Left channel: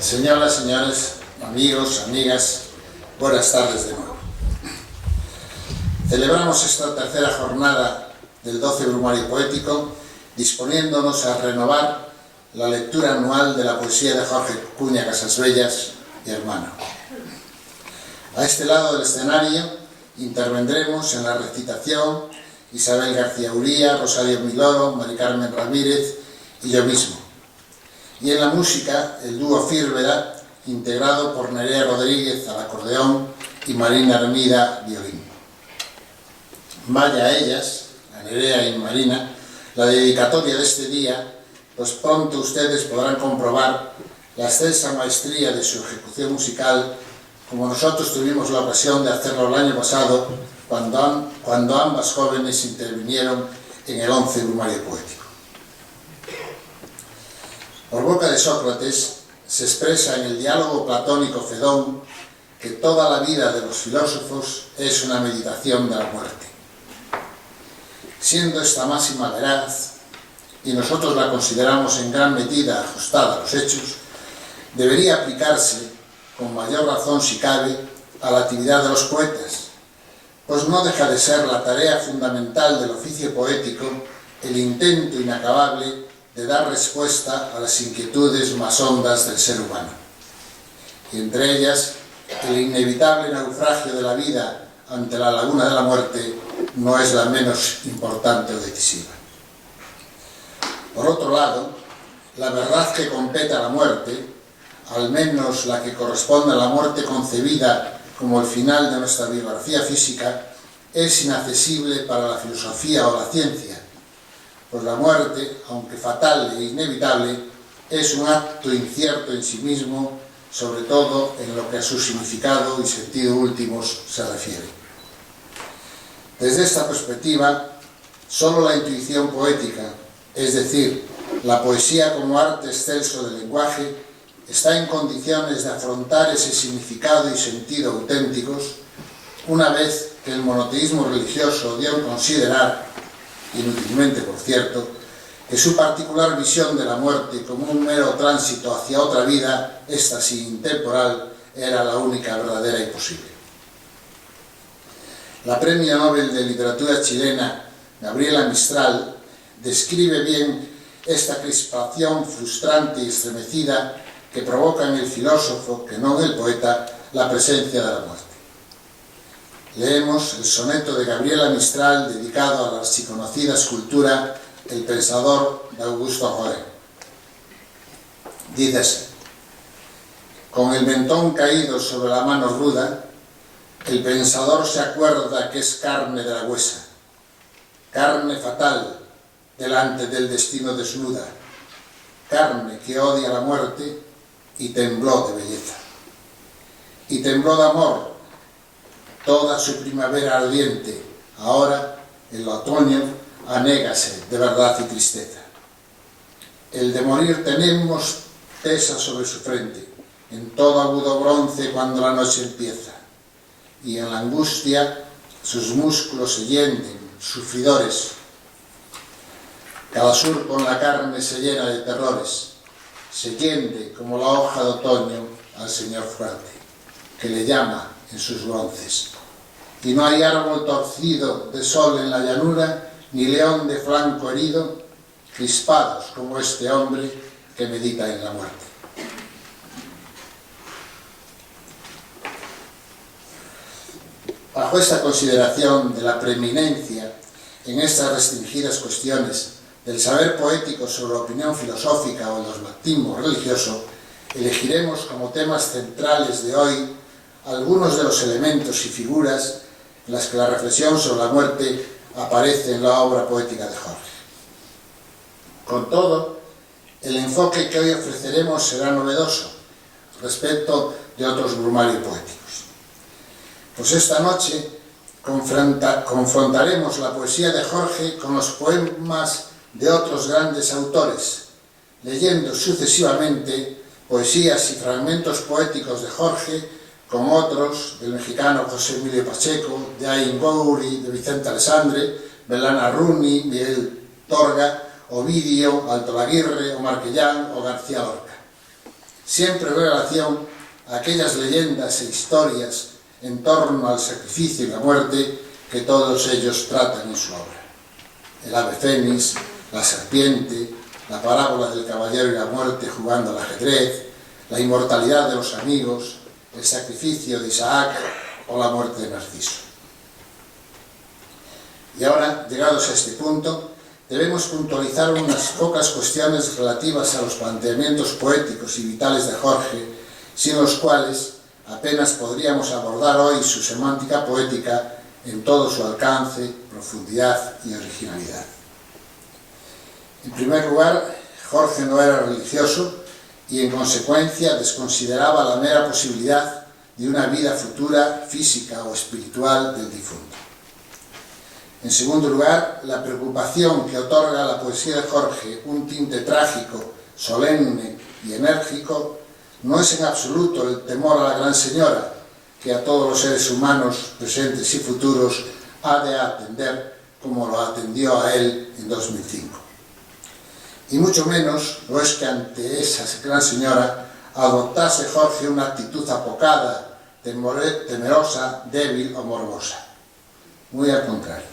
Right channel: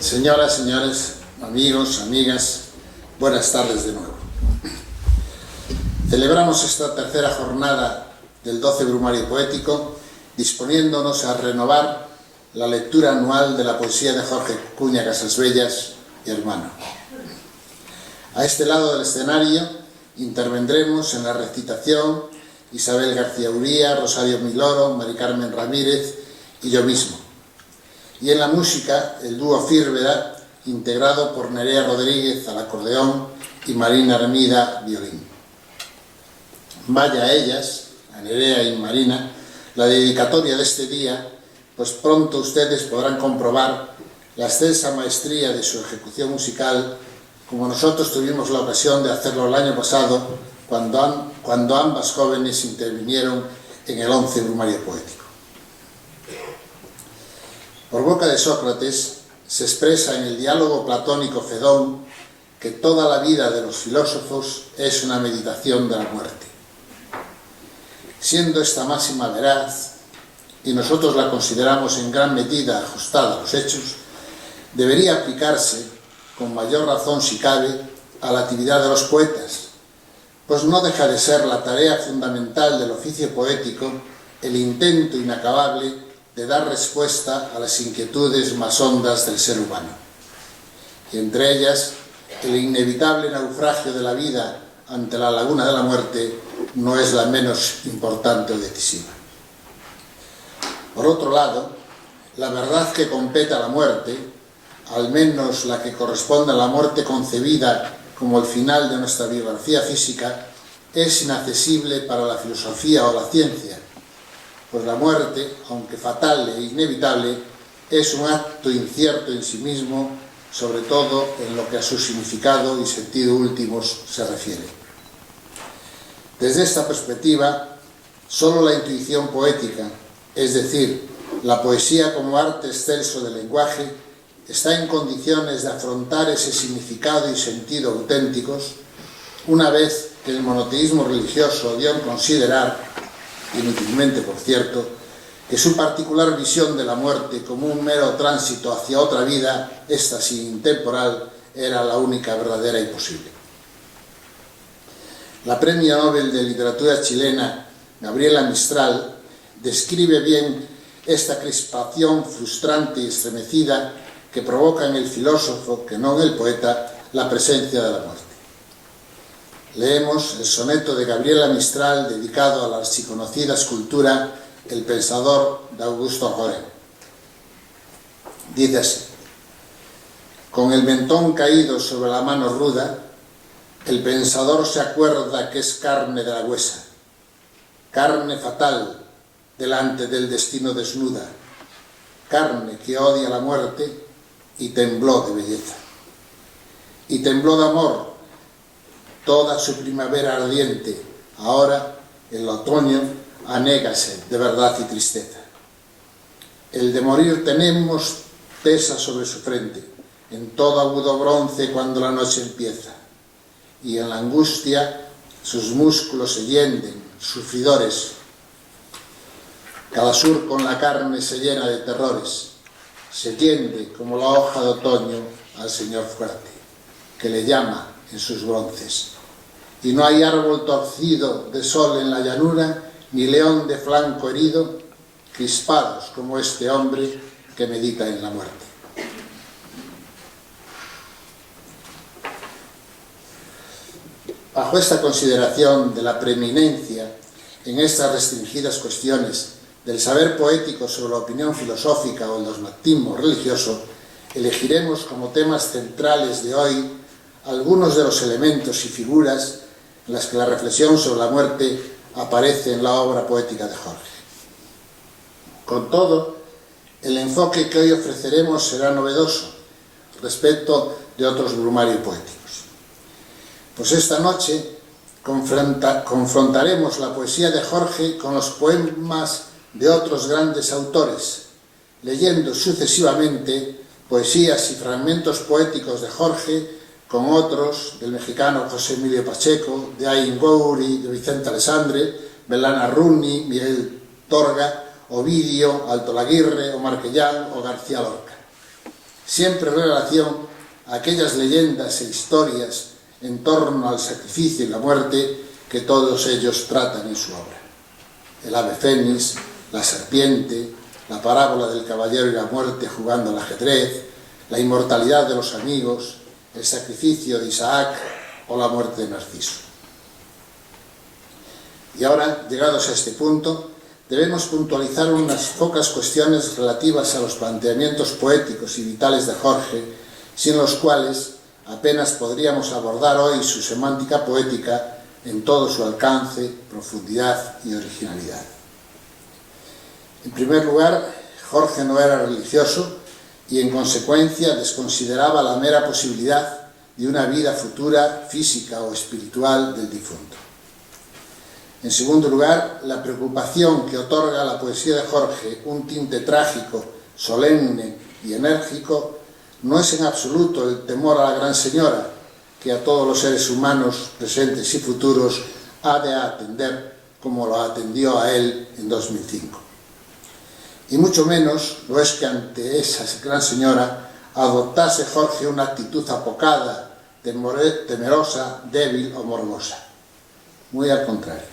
Señoras, señores, amigos, amigas, buenas tardes de nuevo. Celebramos esta tercera jornada del 12 Brumario Poético disponiéndonos a renovar la lectura anual de la poesía de Jorge Cuña Casasbellas y hermano. A este lado del escenario intervendremos en la recitación Isabel García Uría, Rosario Miloro, Mari Carmen Ramírez y yo mismo. Y en la música, el dúo Fírveda, integrado por Nerea Rodríguez al acordeón y Marina Hermida violín. Vaya a ellas, a Nerea y Marina, la dedicatoria de este día, pues pronto ustedes podrán comprobar la excelsa maestría de su ejecución musical, como nosotros tuvimos la ocasión de hacerlo el año pasado, cuando ambas jóvenes intervinieron en el 11 Brumario Poético. Por boca de Sócrates se expresa en el diálogo platónico Fedón que toda la vida de los filósofos es una meditación de la muerte. Siendo esta máxima veraz, y nosotros la consideramos en gran medida ajustada a los hechos, debería aplicarse, con mayor razón si cabe, a la actividad de los poetas, pues no deja de ser la tarea fundamental del oficio poético el intento inacabable de dar respuesta a las inquietudes más hondas del ser humano. Y entre ellas, el inevitable naufragio de la vida ante la laguna de la muerte no es la menos importante o decisiva. Por otro lado, la verdad que compete a la muerte, al menos la que corresponde a la muerte concebida como el final de nuestra biografía física, es inaccesible para la filosofía o la ciencia, pues la muerte, aunque fatal e inevitable, es un acto incierto en sí mismo, sobre todo en lo que a su significado y sentido últimos se refiere. Desde esta perspectiva, solo la intuición poética, es decir, la poesía como arte excelso del lenguaje, está en condiciones de afrontar ese significado y sentido auténticos, una vez que el monoteísmo religioso dio a considerar, inútilmente por cierto, que su particular visión de la muerte como un mero tránsito hacia otra vida, esta sí intemporal, era la única verdadera y posible. La Premio Nobel de Literatura chilena, Gabriela Mistral, describe bien esta crispación frustrante y estremecida que provoca en el filósofo, que no en el poeta, la presencia de la muerte. Leemos el soneto de Gabriela Mistral dedicado a la archiconocida escultura El Pensador de Augusto Rodin. Dice así: con el mentón caído sobre la mano ruda, el pensador se acuerda que es carne de la huesa, carne fatal delante del destino desnuda, carne que odia la muerte y tembló de belleza. Y tembló de amor toda su primavera ardiente, ahora, el otoño, anégase de verdad y tristeza. El de morir tenemos tesa sobre su frente, en todo agudo bronce cuando la noche empieza, y en la angustia sus músculos se hienden, sufridores. Cada surco en la carne se llena de terrores, se tiende como la hoja de otoño al Señor fuerte, que le llama en sus bronces. Y no hay árbol torcido de sol en la llanura, ni león de flanco herido, crispados como este hombre que medita en la muerte. Bajo esta consideración de la preeminencia en estas restringidas cuestiones del saber poético sobre la opinión filosófica o el dogmatismo religioso, elegiremos como temas centrales de hoy algunos de los elementos y figuras en las que la reflexión sobre la muerte aparece en la obra poética de Jorge. Con todo, el enfoque que hoy ofreceremos será novedoso respecto de otros brumarios poéticos. Pues esta noche confrontaremos la poesía de Jorge con los poemas de otros grandes autores, leyendo sucesivamente poesías y fragmentos poéticos de Jorge con otros del mexicano José Emilio Pacheco, de Ayn Bouri, de Vicente Alessandre, Belana Runi, Miguel Torga, Ovidio, Alto Laguirre, Omar Quellán o García Lorca. siempre en relación a aquellas leyendas e historias en torno al sacrificio y la muerte que todos ellos tratan en su obra. El ave fénix, la serpiente, la parábola del caballero y la muerte jugando al ajedrez, la inmortalidad de los amigos, el sacrificio de Isaac o la muerte de Narciso. Y ahora, llegados a este punto, debemos puntualizar unas pocas cuestiones relativas a los planteamientos poéticos y vitales de Jorge, sin los cuales apenas podríamos abordar hoy su semántica poética en todo su alcance, profundidad y originalidad. En primer lugar, Jorge no era religioso y en consecuencia desconsideraba la mera posibilidad de una vida futura, física o espiritual del difunto. En segundo lugar, la preocupación que otorga a la poesía de Jorge un tinte trágico, solemne y enérgico no es en absoluto el temor a la Gran Señora, que a todos los seres humanos, presentes y futuros, ha de atender como lo atendió a él en 2005. Y mucho menos lo es que ante esa Gran Señora adoptase Jorge una actitud apocada, temerosa, débil o morbosa. Muy al contrario.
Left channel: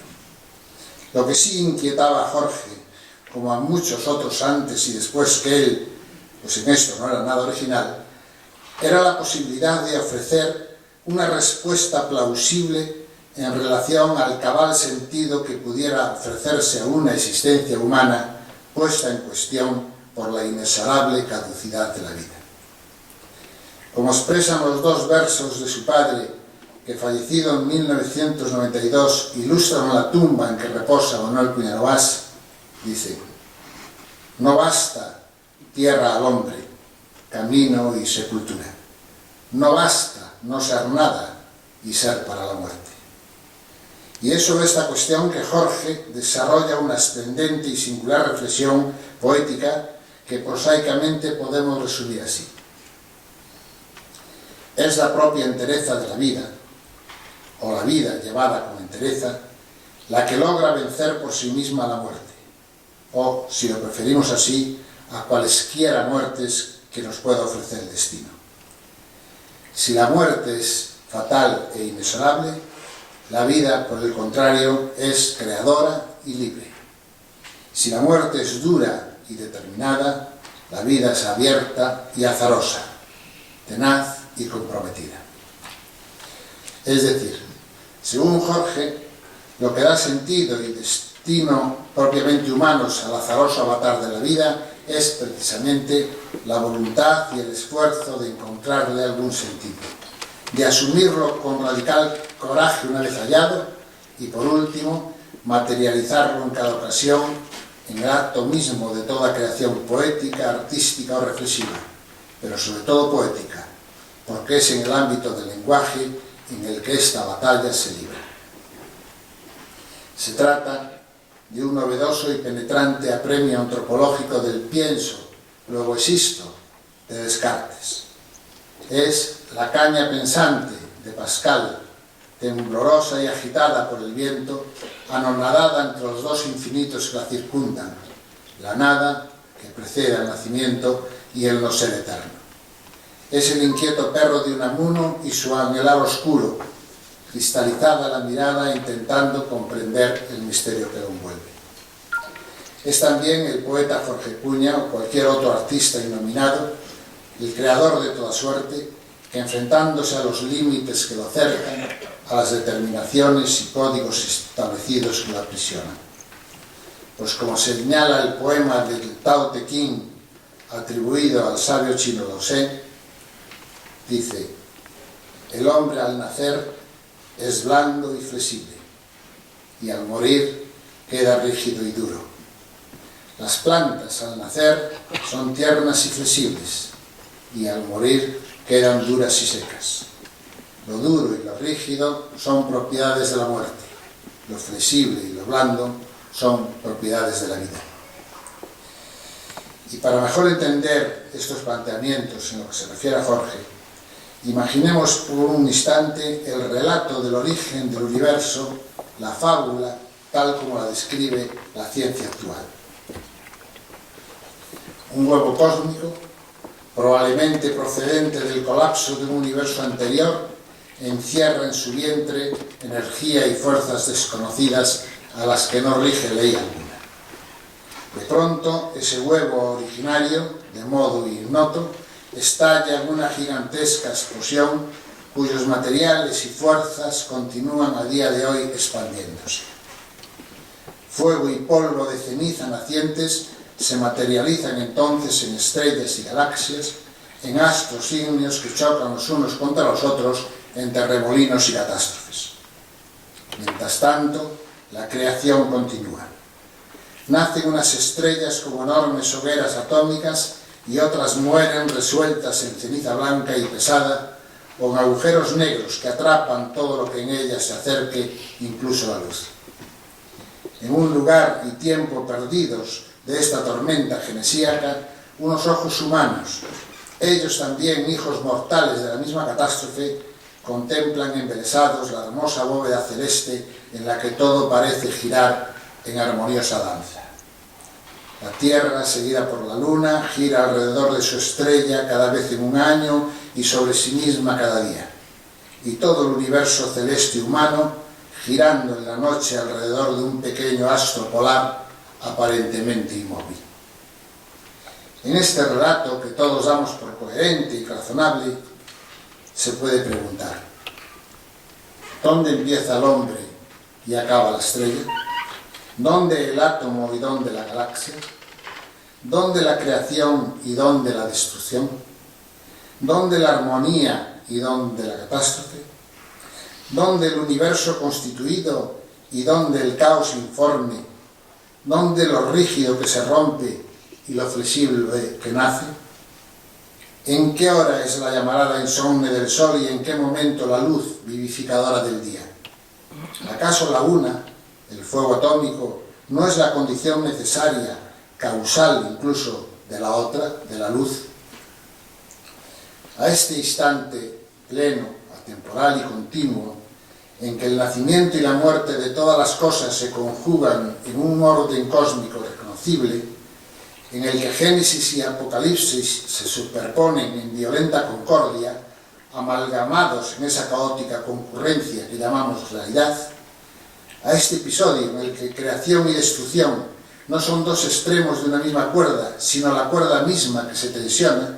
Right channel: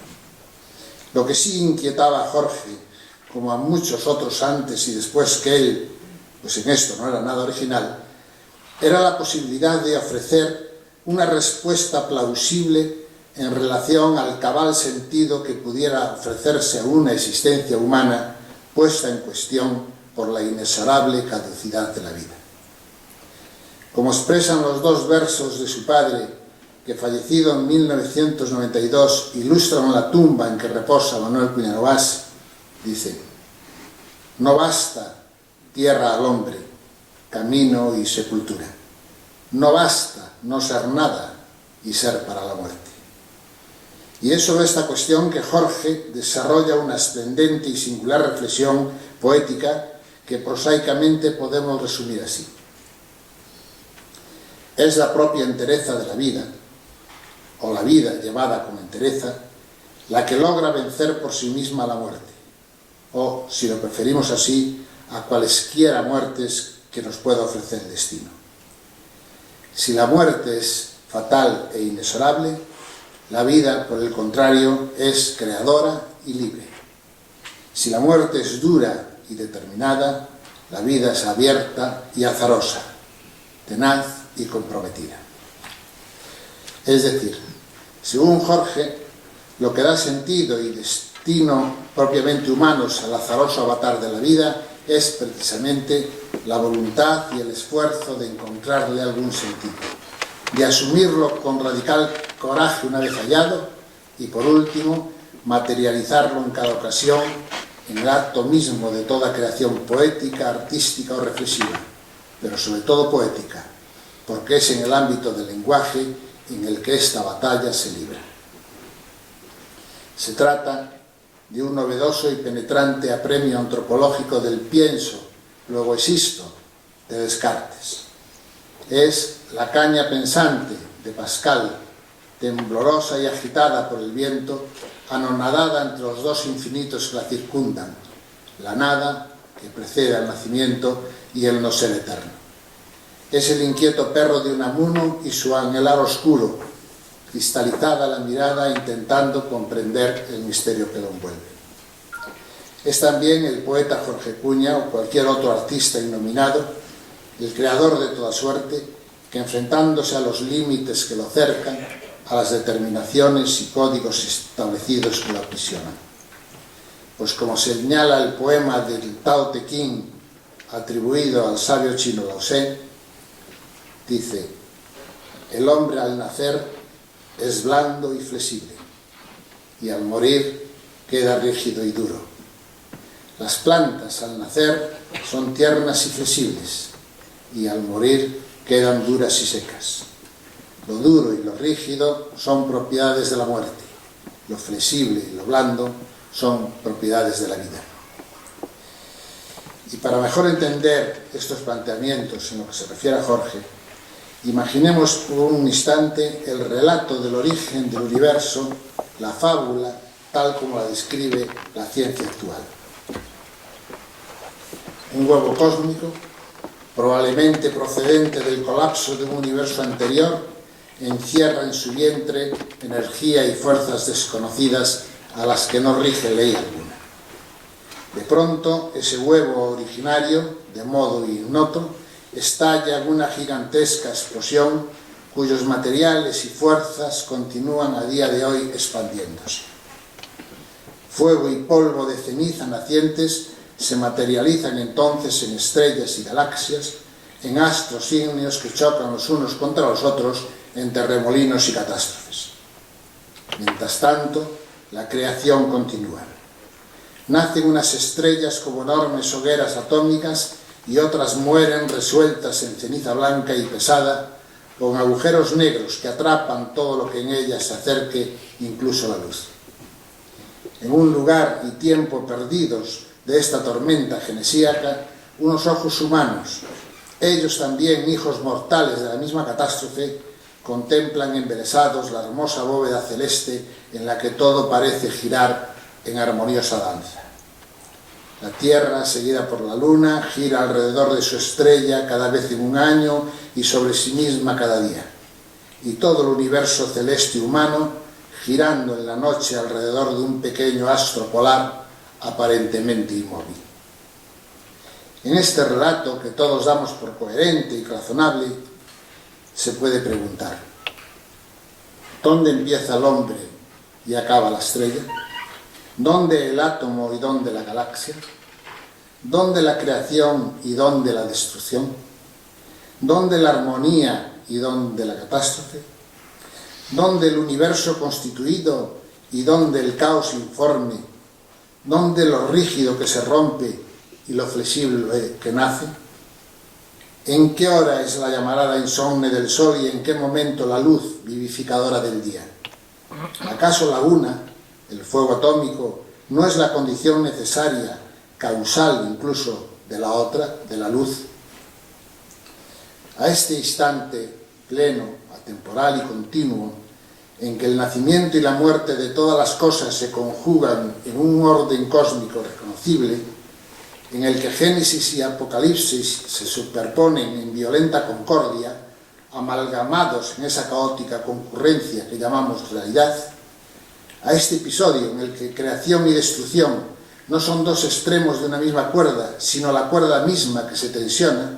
Lo que sí inquietaba a Jorge, como a muchos otros antes y después que él, pues en esto no era nada original, era la posibilidad de ofrecer una respuesta plausible en relación al cabal sentido que pudiera ofrecerse a una existencia humana puesta en cuestión por la inexorable caducidad de la vida. Como expresan los dos versos de su padre, que fallecido en 1992 ilustran la tumba en que reposa Manuel Puignervás, dice: no basta tierra al hombre, camino y sepultura. No basta no ser nada y ser para la muerte. Y es sobre esta cuestión que Jorge desarrolla una esplendente y singular reflexión poética que prosaicamente podemos resumir así. Es la propia entereza de la vida, o la vida llevada con entereza, la que logra vencer por sí misma la muerte, o, si lo preferimos así, a cualesquiera muertes que nos pueda ofrecer el destino. Si la muerte es fatal e inexorable, la vida, por el contrario, es creadora y libre. Si la muerte es dura y determinada, la vida es abierta y azarosa, tenaz y comprometida. Es decir, según Jorge, lo que da sentido y destino propiamente humanos al azaroso avatar de la vida es precisamente la voluntad y el esfuerzo de encontrarle algún sentido, de asumirlo con radical coraje una vez hallado y, por último, materializarlo en cada ocasión en el acto mismo de toda creación poética, artística o reflexiva, pero sobre todo poética, porque es en el ámbito del lenguaje en el que esta batalla se libra. Se trata de un novedoso y penetrante apremio antropológico del pienso, luego existo, de Descartes. Es la caña pensante de Pascal, temblorosa y agitada por el viento, anonadada entre los dos infinitos que la circundan, la nada que precede al nacimiento y el no ser eterno. Es el inquieto perro de Unamuno y su anhelar oscuro, cristalizada la mirada intentando comprender el misterio que lo envuelve. Es también el poeta Jorge Cuña o cualquier otro artista innominado, el creador de toda suerte, que enfrentándose a los límites que lo cercan, a las determinaciones y códigos establecidos que lo aprisionan. Pues como señala el poema del Tao Te Ching atribuido al sabio chino Lao Tse, dice: el hombre al nacer es blando y flexible, y al morir queda rígido y duro. Las plantas al nacer son tiernas y flexibles, y al morir quedan duras y secas. Lo duro y lo rígido son propiedades de la muerte, lo flexible y lo blando son propiedades de la vida. Y para mejor entender estos planteamientos en lo que se refiere a Jorge, imaginemos por un instante el relato del origen del universo, la fábula, tal como la describe la ciencia actual. Un huevo cósmico probablemente procedente del colapso de un universo anterior, encierra en su vientre energía y fuerzas desconocidas a las que no rige ley alguna. De pronto, ese huevo originario, de modo ignoto, estalla en una gigantesca explosión cuyos materiales y fuerzas continúan a día de hoy expandiéndose. Fuego y polvo de ceniza nacientes se materializan entonces en estrellas y galaxias, en astros ígneos que chocan los unos contra los otros en terremolinos y catástrofes. Mientras tanto, la creación continúa. Nacen unas estrellas como enormes hogueras atómicas y otras mueren resueltas en ceniza blanca y pesada, con agujeros negros que atrapan todo lo que en ellas se acerque, incluso la luz. En un lugar y tiempo perdidos de esta tormenta genesíaca, unos ojos humanos, ellos también hijos mortales de la misma catástrofe, contemplan embelesados la hermosa bóveda celeste en la que todo parece girar en armoniosa danza. La Tierra, seguida por la Luna, gira alrededor de su estrella cada vez en un año y sobre sí misma cada día. Y todo el universo celeste humano girando en la noche alrededor de un pequeño astro polar aparentemente inmóvil. En este relato, que todos damos por coherente y razonable, se puede preguntar: ¿dónde empieza el hombre y acaba la estrella? ¿Dónde el átomo y dónde la galaxia? ¿Dónde la creación y dónde la destrucción? ¿Dónde la armonía y dónde la catástrofe? ¿Dónde el universo constituido y dónde el caos informe? ¿Dónde lo rígido que se rompe y lo flexible que nace? ¿En qué hora es la llamarada insomne del sol y en qué momento la luz vivificadora del día? ¿Acaso la una, el fuego atómico, no es la condición necesaria, causal incluso, de la otra, de la luz? A este instante pleno, atemporal y continuo, en que el nacimiento y la muerte de todas las cosas se conjugan en un orden cósmico reconocible, en el que Génesis y Apocalipsis se superponen en violenta concordia, amalgamados en esa caótica concurrencia que llamamos realidad, a este episodio en el que creación y destrucción no son dos extremos de una misma cuerda, sino la cuerda misma que se tensiona,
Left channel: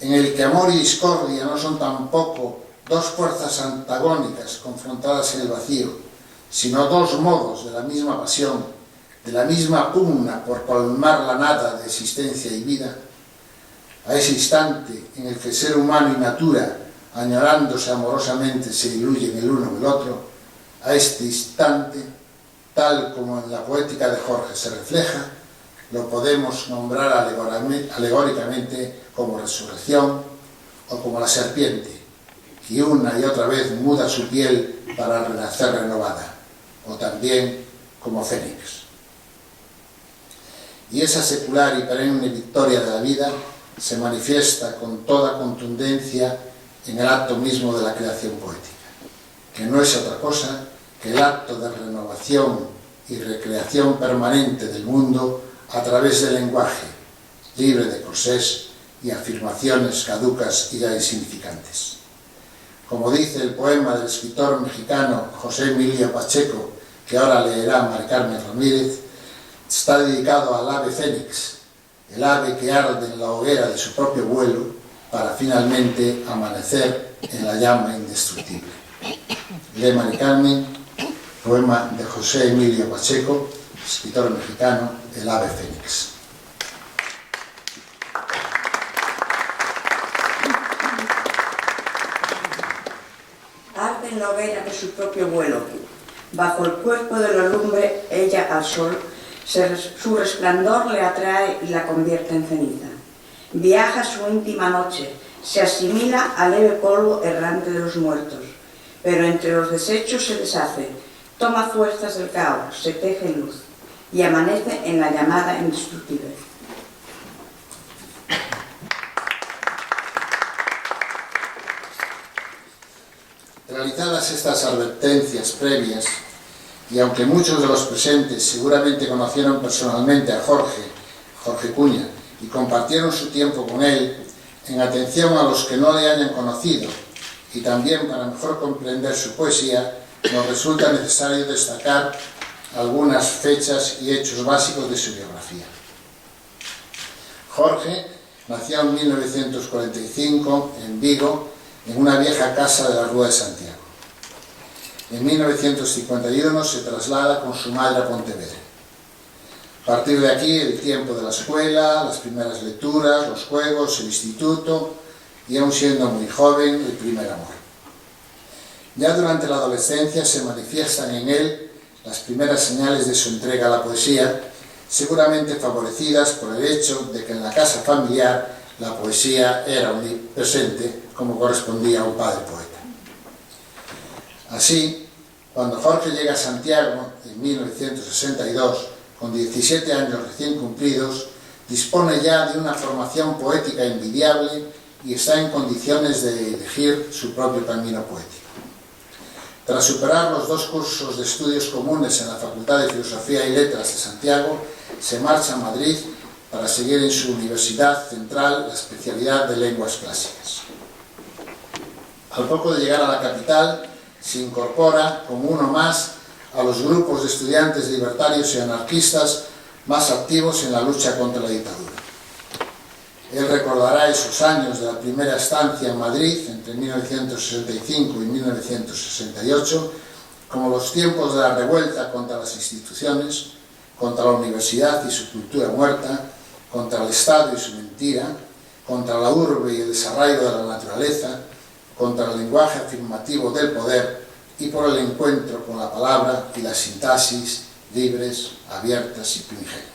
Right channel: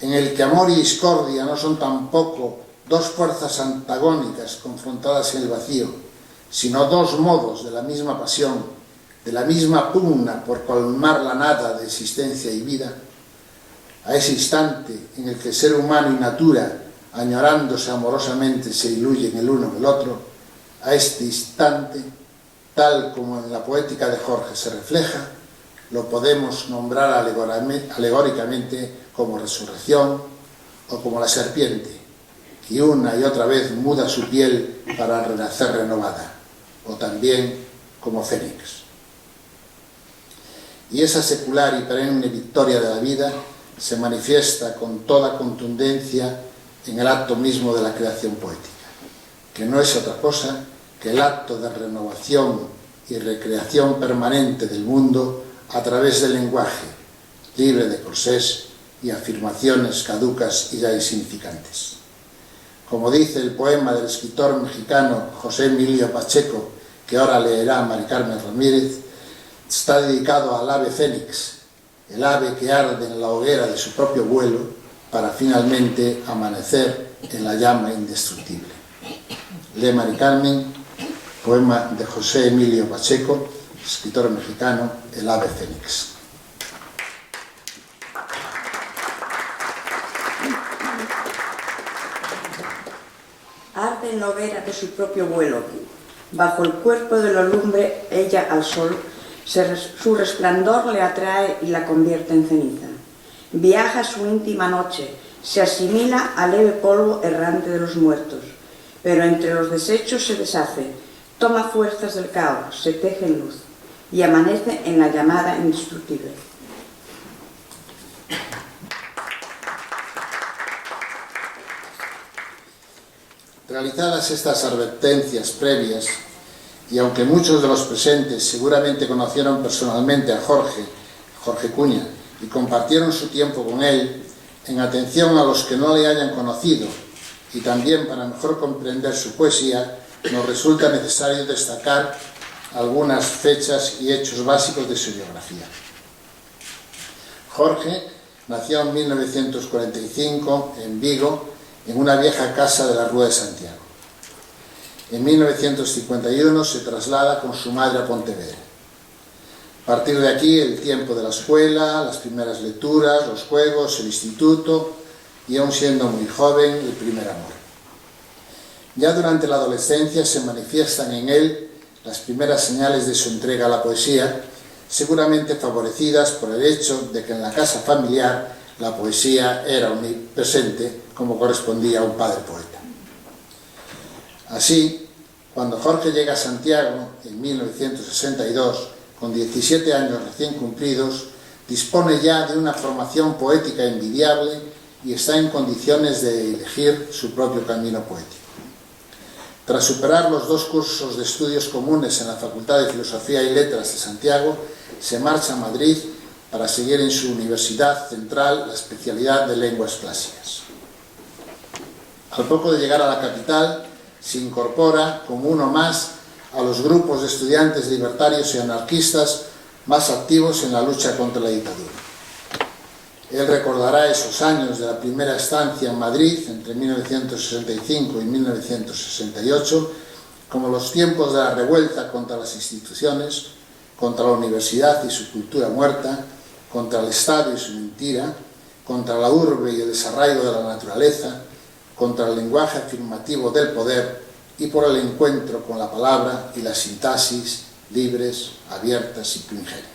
en el que amor y discordia no son tampoco dos fuerzas antagónicas confrontadas en el vacío, sino dos modos de la misma pasión, de la misma pugna por colmar la nada de existencia y vida, a ese instante en el que el ser humano y natura, añorándose amorosamente, se diluyen el uno en el otro, a este instante, tal como en la poética de Jorge se refleja, lo podemos nombrar alegóricamente como resurrección o como la serpiente, que una y otra vez muda su piel para renacer renovada, o también como Fénix. Y esa secular y perenne victoria de la vida se manifiesta con toda contundencia en el acto mismo de la creación poética, que no es otra cosa que el acto de renovación y recreación permanente del mundo a través del lenguaje, libre de corsés y afirmaciones caducas y ya insignificantes. Como dice el poema del escritor mexicano José Emilio Pacheco, que ahora leerá Mari Carmen Ramírez, está dedicado al ave fénix, el ave que arde en la hoguera de su propio vuelo para finalmente amanecer en la llama indestructible. Lee Mari Carmen, poema de José Emilio Pacheco, escritor mexicano, el ave fénix. Arde en la hoguera de su propio vuelo. Bajo el cuerpo de la lumbre, ella al sol, su resplandor le atrae y la convierte en ceniza. Viaja su íntima noche, se asimila al leve polvo errante de los muertos, pero entre los desechos se deshace, toma fuerzas del caos, se teje en luz y amanece en la llamada indestructible. Realizadas estas advertencias previas, y aunque muchos de los presentes seguramente conocieron personalmente a Jorge Cuña, y compartieron su tiempo con él, en atención a los que no le hayan conocido, y también para mejor comprender su poesía, nos resulta necesario destacar algunas fechas y hechos básicos de su biografía. Jorge nació en 1945 en Vigo, en una vieja casa de la Rúa de Santiago. En 1951 se traslada con su madre a Pontevedra. A partir de aquí, el tiempo de la escuela, las primeras lecturas, los juegos, el instituto y, aun siendo muy joven, el primer amor. Ya durante la adolescencia se manifiestan en él las primeras señales de su entrega a la poesía, seguramente favorecidas por el hecho de que en la casa familiar la poesía era omnipresente, como correspondía a un padre poeta. Así, cuando Jorge llega a Santiago en 1962, con 17 años recién cumplidos, dispone ya de una formación poética envidiable y está en condiciones de elegir su propio camino poético. Tras superar los 2 cursos de estudios comunes en la Facultad de Filosofía y Letras de Santiago, se marcha a Madrid para seguir en su Universidad Central la especialidad de Lenguas Clásicas. Al poco de llegar a la capital, se incorpora como uno más a los grupos de estudiantes libertarios y anarquistas más activos en la lucha contra la dictadura. Él recordará esos años de la primera estancia en Madrid, entre 1965 y 1968, como los tiempos de la revuelta contra las instituciones, contra la universidad y su cultura muerta, contra el Estado y su mentira, contra la urbe y el desarraigo de la naturaleza, contra el lenguaje afirmativo del poder y por el encuentro con la palabra y la sintaxis libres, abiertas y primigenias.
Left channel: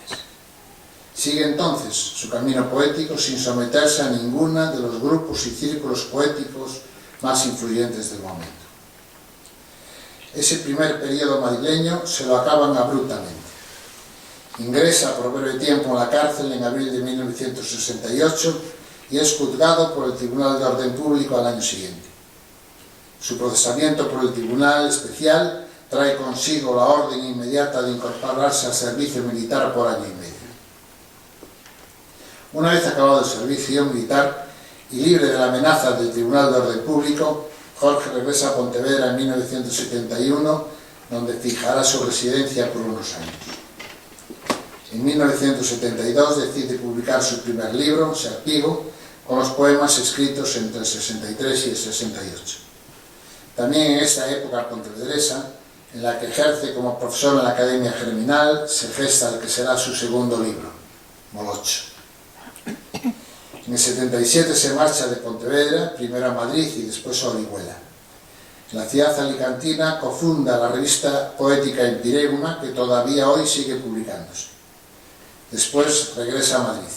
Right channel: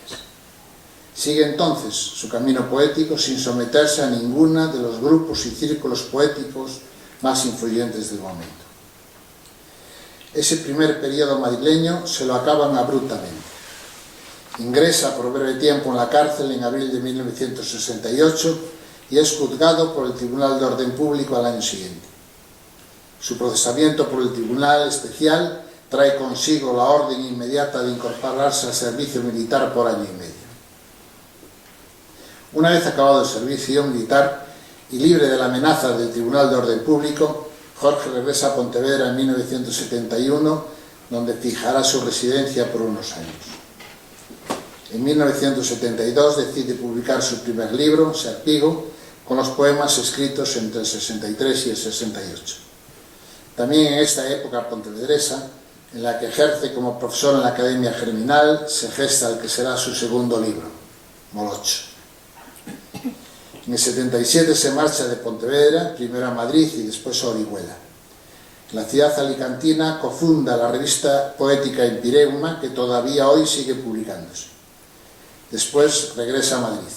Sigue entonces su camino poético sin someterse a ninguna de los grupos y círculos poéticos más influyentes del momento. Ese primer periodo madrileño se lo acaban abruptamente. Ingresa por breve tiempo en la cárcel en abril de 1968 y es juzgado por el Tribunal de Orden Público al año siguiente. Su procesamiento por el Tribunal Especial trae consigo la orden inmediata de incorporarse al servicio militar por año y medio. Una vez acabado el servicio militar y libre de la amenaza del Tribunal de Orden Público, Jorge regresa a Pontevedra en 1971, donde fijará su residencia por unos años. En 1972 decide publicar su primer libro, Serpigo, con los poemas escritos entre el 63 y el 68. También en esta época pontevedresa, en la que ejerce como profesor en la Academia Germinal, se gesta el que será su segundo libro, Molocho. En el 77 se marcha de Pontevedra, primero a Madrid y después a Orihuela. En la ciudad alicantina cofunda la revista poética Empireuma, que todavía hoy sigue publicándose. Después regresa a Madrid.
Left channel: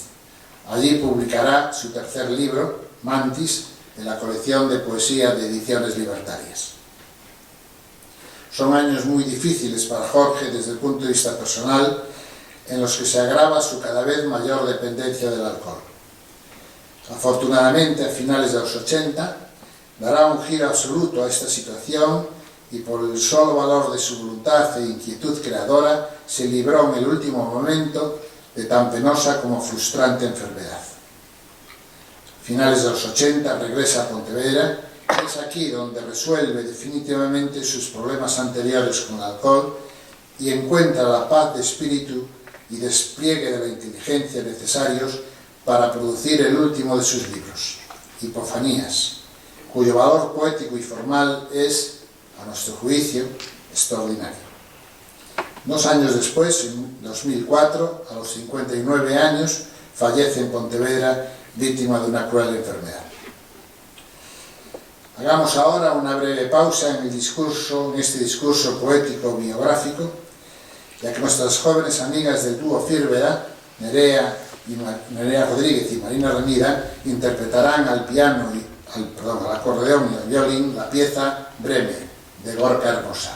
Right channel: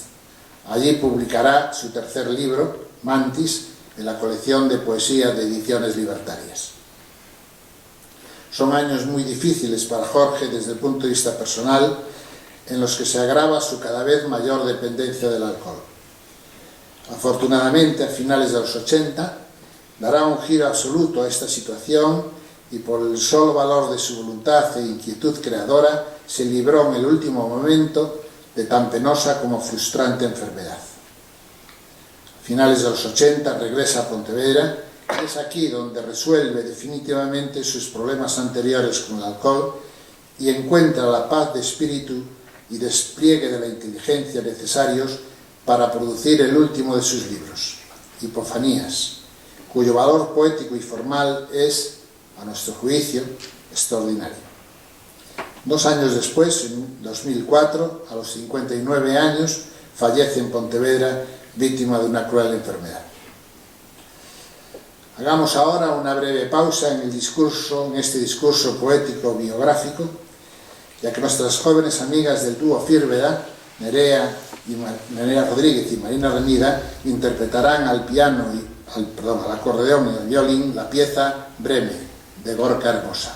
Allí publicará su tercer libro, Mantis, en la colección de poesía de Ediciones Libertarias. Son años muy difíciles para Jorge desde el punto de vista personal, en los que se agrava su cada vez mayor dependencia del alcohol. Afortunadamente, a finales de los 80, dará un giro absoluto a esta situación y por el solo valor de su voluntad e inquietud creadora, se libró en el último momento de tan penosa como frustrante enfermedad. A finales de los 80 regresa a Pontevedra y es aquí donde resuelve definitivamente sus problemas anteriores con el alcohol y encuentra la paz de espíritu y despliegue de la inteligencia necesarios para producir el último de sus libros, Hipofanías, cuyo valor poético y formal es, a nuestro juicio, extraordinario. 2 años después, en 2004, a los 59 años, fallece en Pontevedra, víctima de una cruel enfermedad. Hagamos ahora una breve pausa en este discurso poético biográfico, ya que nuestras jóvenes amigas del dúo Firveda, Nerea Rodríguez y Marina Remida, interpretarán al piano al acordeón y al violín la pieza Breme, de Gorka Hermosa.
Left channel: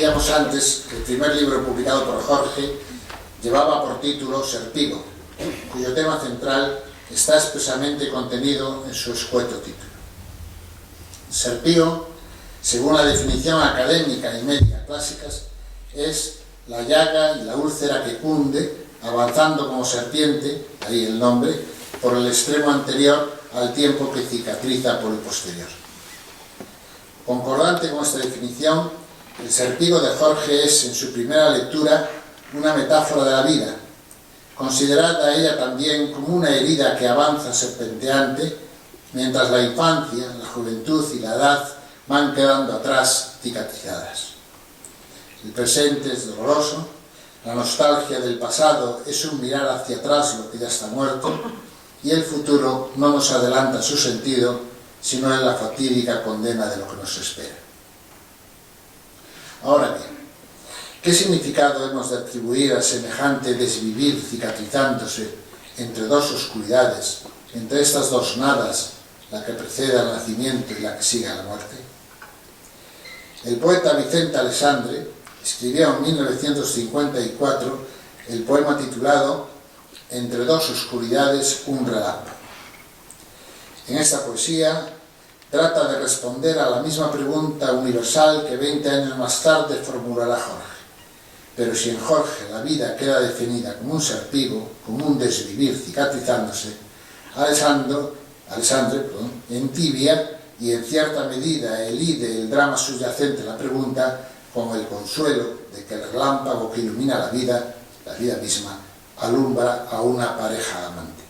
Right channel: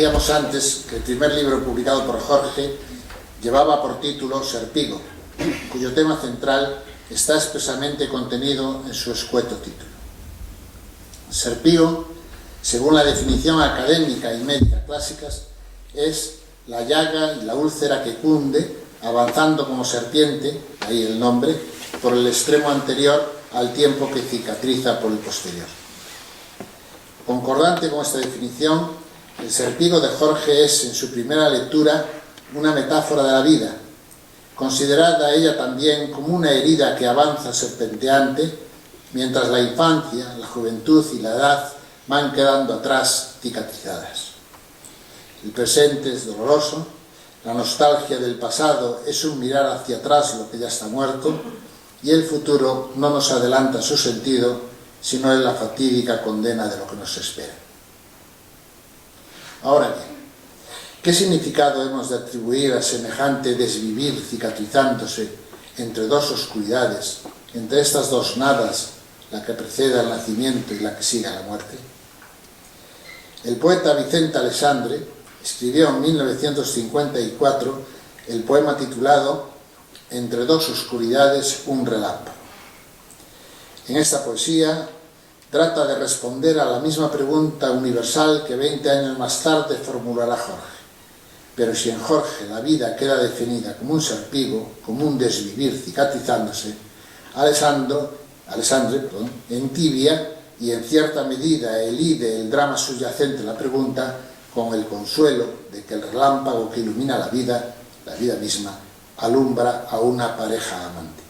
Decíamos antes que el primer libro publicado por Jorge llevaba por título Serpigo, cuyo tema central está expresamente contenido en su escueto título. Serpigo, según la definición académica y médica clásicas, es la llaga y la úlcera que cunde, avanzando como serpiente, ahí el nombre, por el extremo anterior al tiempo que cicatriza por el posterior. Concordante con esta definición, el Serpigo de Jorge es, en su primera lectura, una metáfora de la vida, considerada ella también como una herida que avanza serpenteante, mientras la infancia, la juventud y la edad van quedando atrás cicatrizadas. El presente es doloroso, la nostalgia del pasado es un mirar hacia atrás lo que ya está muerto, y el futuro no nos adelanta su sentido, sino en la fatídica condena de lo que nos espera. Ahora bien, ¿qué significado hemos de atribuir a semejante desvivir cicatrizándose entre dos oscuridades, entre estas dos nadas, la que precede al nacimiento y la que sigue a la muerte? El poeta Vicente Alessandre escribió en 1954 el poema titulado Entre dos oscuridades, un relámpago. En esta poesía trata de responder a la misma pregunta universal que 20 años más tarde formulará Jorge. Pero si en Jorge la vida queda definida como un serpigo, como un desvivir cicatrizándose, Alessandre entibia y en cierta medida elide el drama subyacente a la pregunta con el consuelo de que el relámpago que ilumina la vida misma, alumbra a una pareja amante.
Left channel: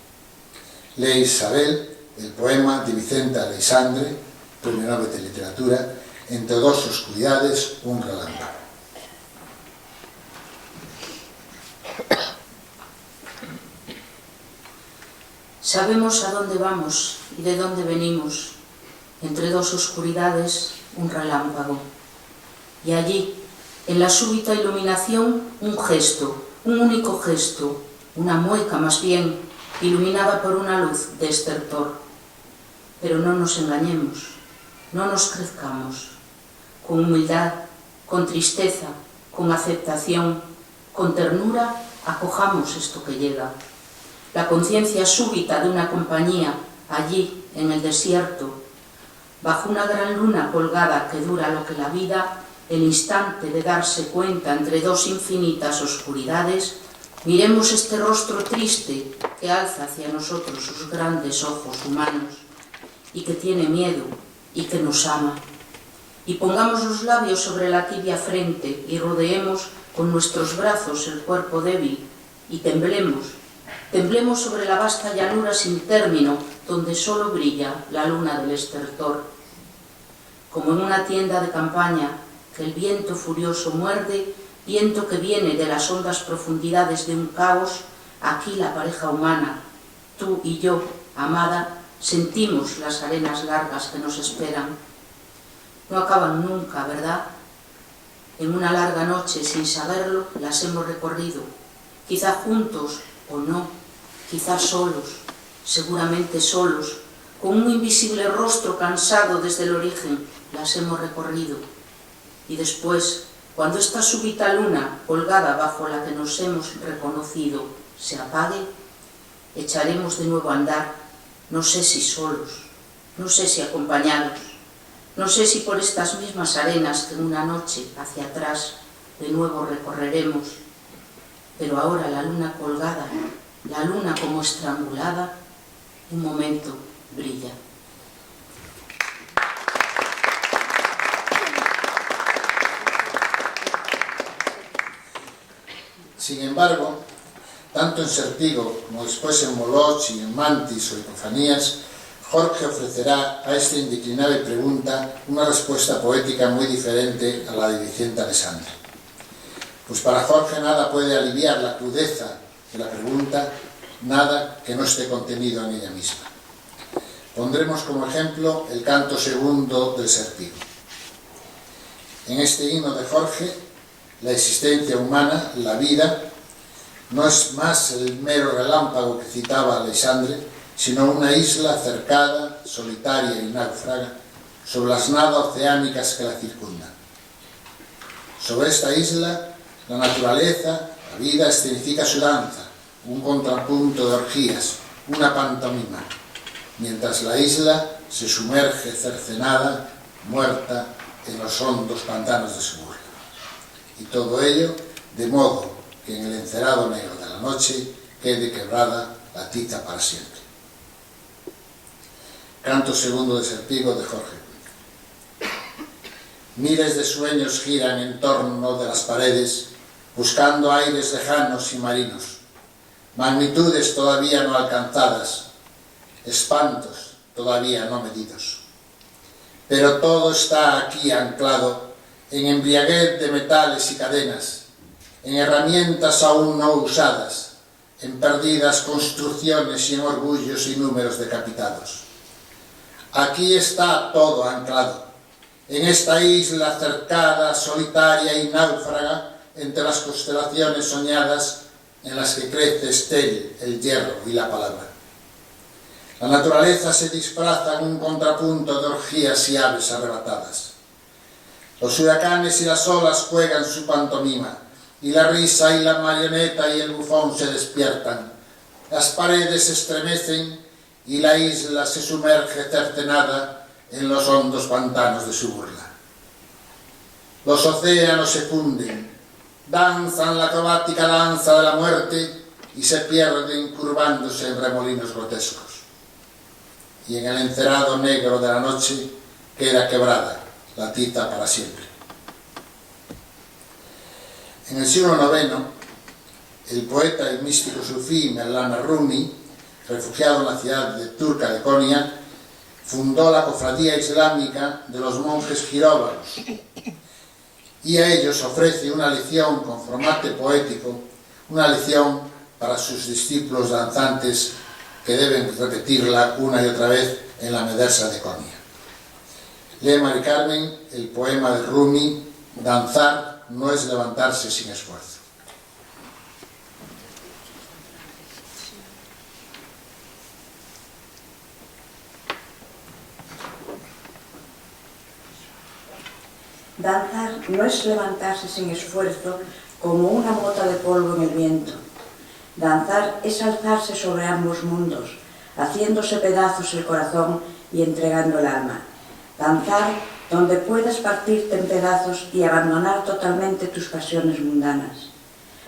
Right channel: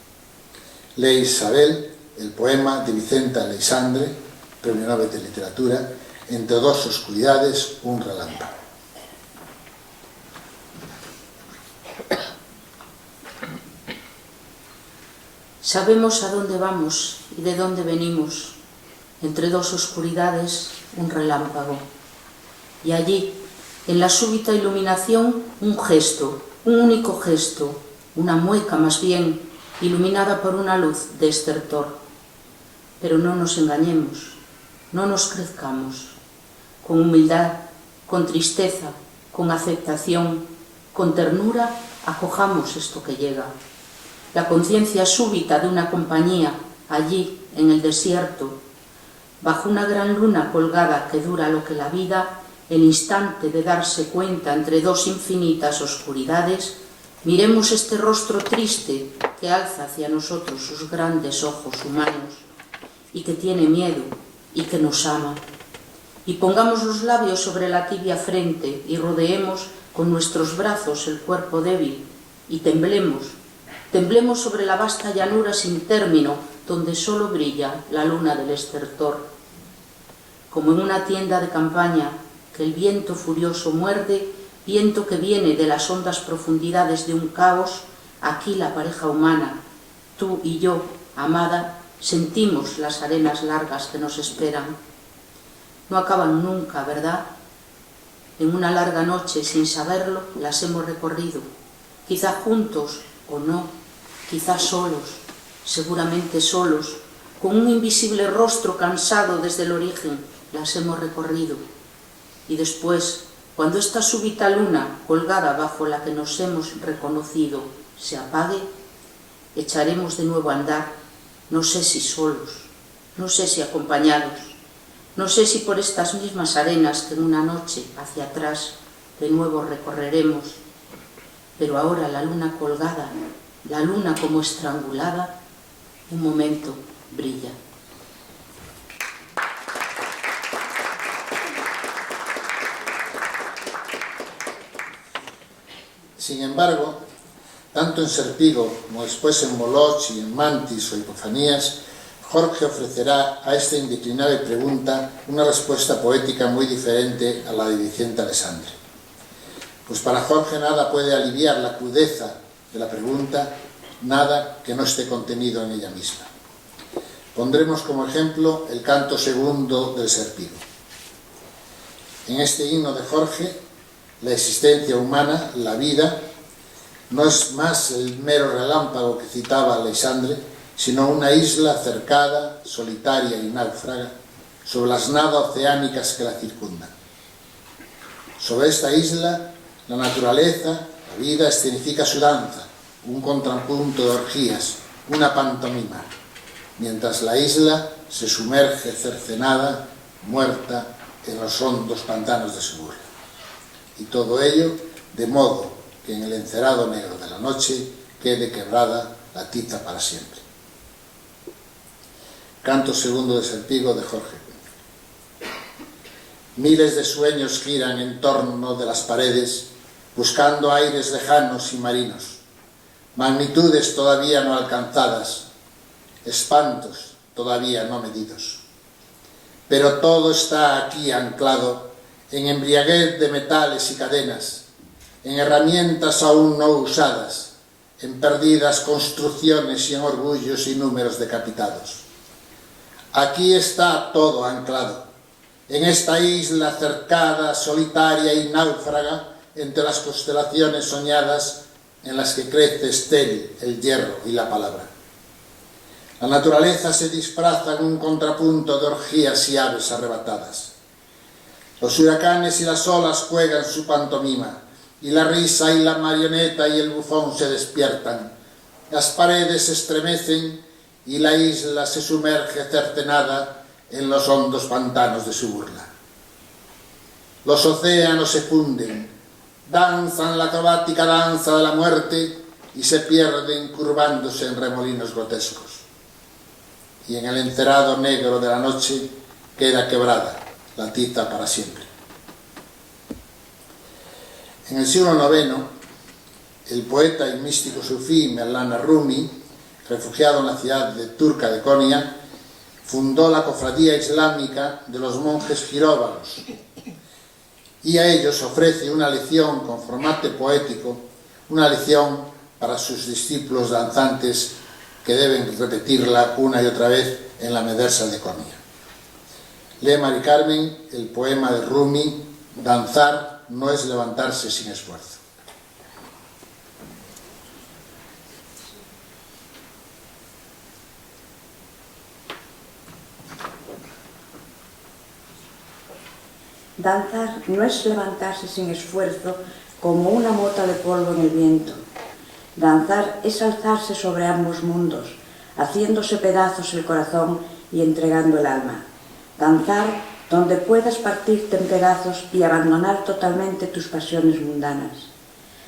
Lee Isabel, el poema de Vicente Alessandre, Premio Nobel de Literatura, Entre dos oscuridades, un relámpago. Sabemos a dónde vamos y de dónde venimos. Entre dos oscuridades, un relámpago. Y allí, en la súbita iluminación, un gesto, un único gesto, una mueca más bien, iluminada por una luz de estertor. Pero no nos engañemos, no nos crezcamos. Con humildad, con tristeza, con aceptación, con ternura, acojamos esto que llega. La conciencia súbita de una compañía, allí, en el desierto, bajo una gran luna colgada que dura lo que la vida, el instante de darse cuenta entre dos infinitas oscuridades, miremos este rostro triste que alza hacia nosotros sus grandes ojos humanos y que tiene miedo y que nos ama. Y pongamos los labios sobre la tibia frente y rodeemos con nuestros brazos el cuerpo débil y temblemos sobre la vasta llanura sin término donde solo brilla la luna del estertor. Como en una tienda de campaña que el viento furioso muerde, viento que viene de las hondas profundidades de un caos, aquí la pareja humana, tú y yo, amada, sentimos las arenas largas que nos esperan. No acaban nunca, ¿verdad? En una larga noche, sin saberlo, las hemos recorrido, quizá juntos o no, quizá solos, seguramente solos, con un invisible rostro cansado desde el origen, las hemos recorrido. Y después, cuando esta súbita luna, colgada bajo la que nos hemos reconocido, se apague, echaremos de nuevo a andar, no sé si solos, no sé si acompañados, no sé si por estas mismas arenas que en una noche hacia atrás de nuevo recorreremos, pero ahora la luna colgada, la luna como estrangulada, un momento brilla. Sin embargo, tanto en Serpigo como después en Moloch y en Mantis o Hipofanías, Jorge ofrecerá a esta indeclinable pregunta una respuesta poética muy diferente a la de Vicente Alessandre. Pues para Jorge nada puede aliviar la crudeza de la pregunta, nada que no esté contenido en ella misma. Pondremos como ejemplo el canto segundo del Serpigo. En este himno de Jorge, la existencia humana, la vida, no es más el mero relámpago que citaba Alessandre, sino una isla cercada, solitaria y náufraga, sobre las nadas oceánicas que la circundan. Sobre esta isla, la naturaleza, la vida, escenifica su danza, un contrapunto de orgías, una pantomima, mientras la isla se sumerge cercenada, muerta, en los hondos pantanos de su burla. Y todo ello de modo que en el encerado negro de la noche quede quebrada la tiza para siempre. Canto segundo de Serpigo de Jorge. Miles de sueños giran en torno de las paredes, buscando aires lejanos y marinos, magnitudes todavía no alcanzadas, espantos todavía no medidos. Pero todo está aquí anclado en embriaguez de metales y cadenas, en herramientas aún no usadas, en perdidas construcciones y en orgullos y números decapitados. Aquí está todo anclado, en esta isla cercada, solitaria y náufraga, entre las constelaciones soñadas en las que crece estéril el hierro y la palabra. La naturaleza se disfraza en un contrapunto de orgías y aves arrebatadas. Los huracanes y las olas juegan su pantomima, y la risa y la marioneta y el bufón se despiertan. Las paredes se estremecen y la isla se sumerge cercenada en los hondos pantanos de su burla. Los océanos se funden, danzan la acrobática danza de la muerte y se pierden curvándose en remolinos grotescos. Y en el encerado negro de la noche queda quebrada la tiza para siempre. En el siglo IX, el poeta y místico sufí Mevlana Rumi, refugiado en la ciudad turca de Konya, fundó la cofradía islámica de los monjes giróvaros y a ellos ofrece una lección con formato poético, una lección para sus discípulos danzantes que deben repetirla una y otra vez en la medresa de Konya. Lee Mari Carmen el poema de Rumi, Danzar no es levantarse sin esfuerzo. Danzar no es levantarse sin esfuerzo como una mota de polvo en el viento. Danzar es alzarse sobre ambos mundos, haciéndose pedazos el corazón y entregando el alma. Danzar donde puedas partirte en pedazos y abandonar totalmente tus pasiones mundanas.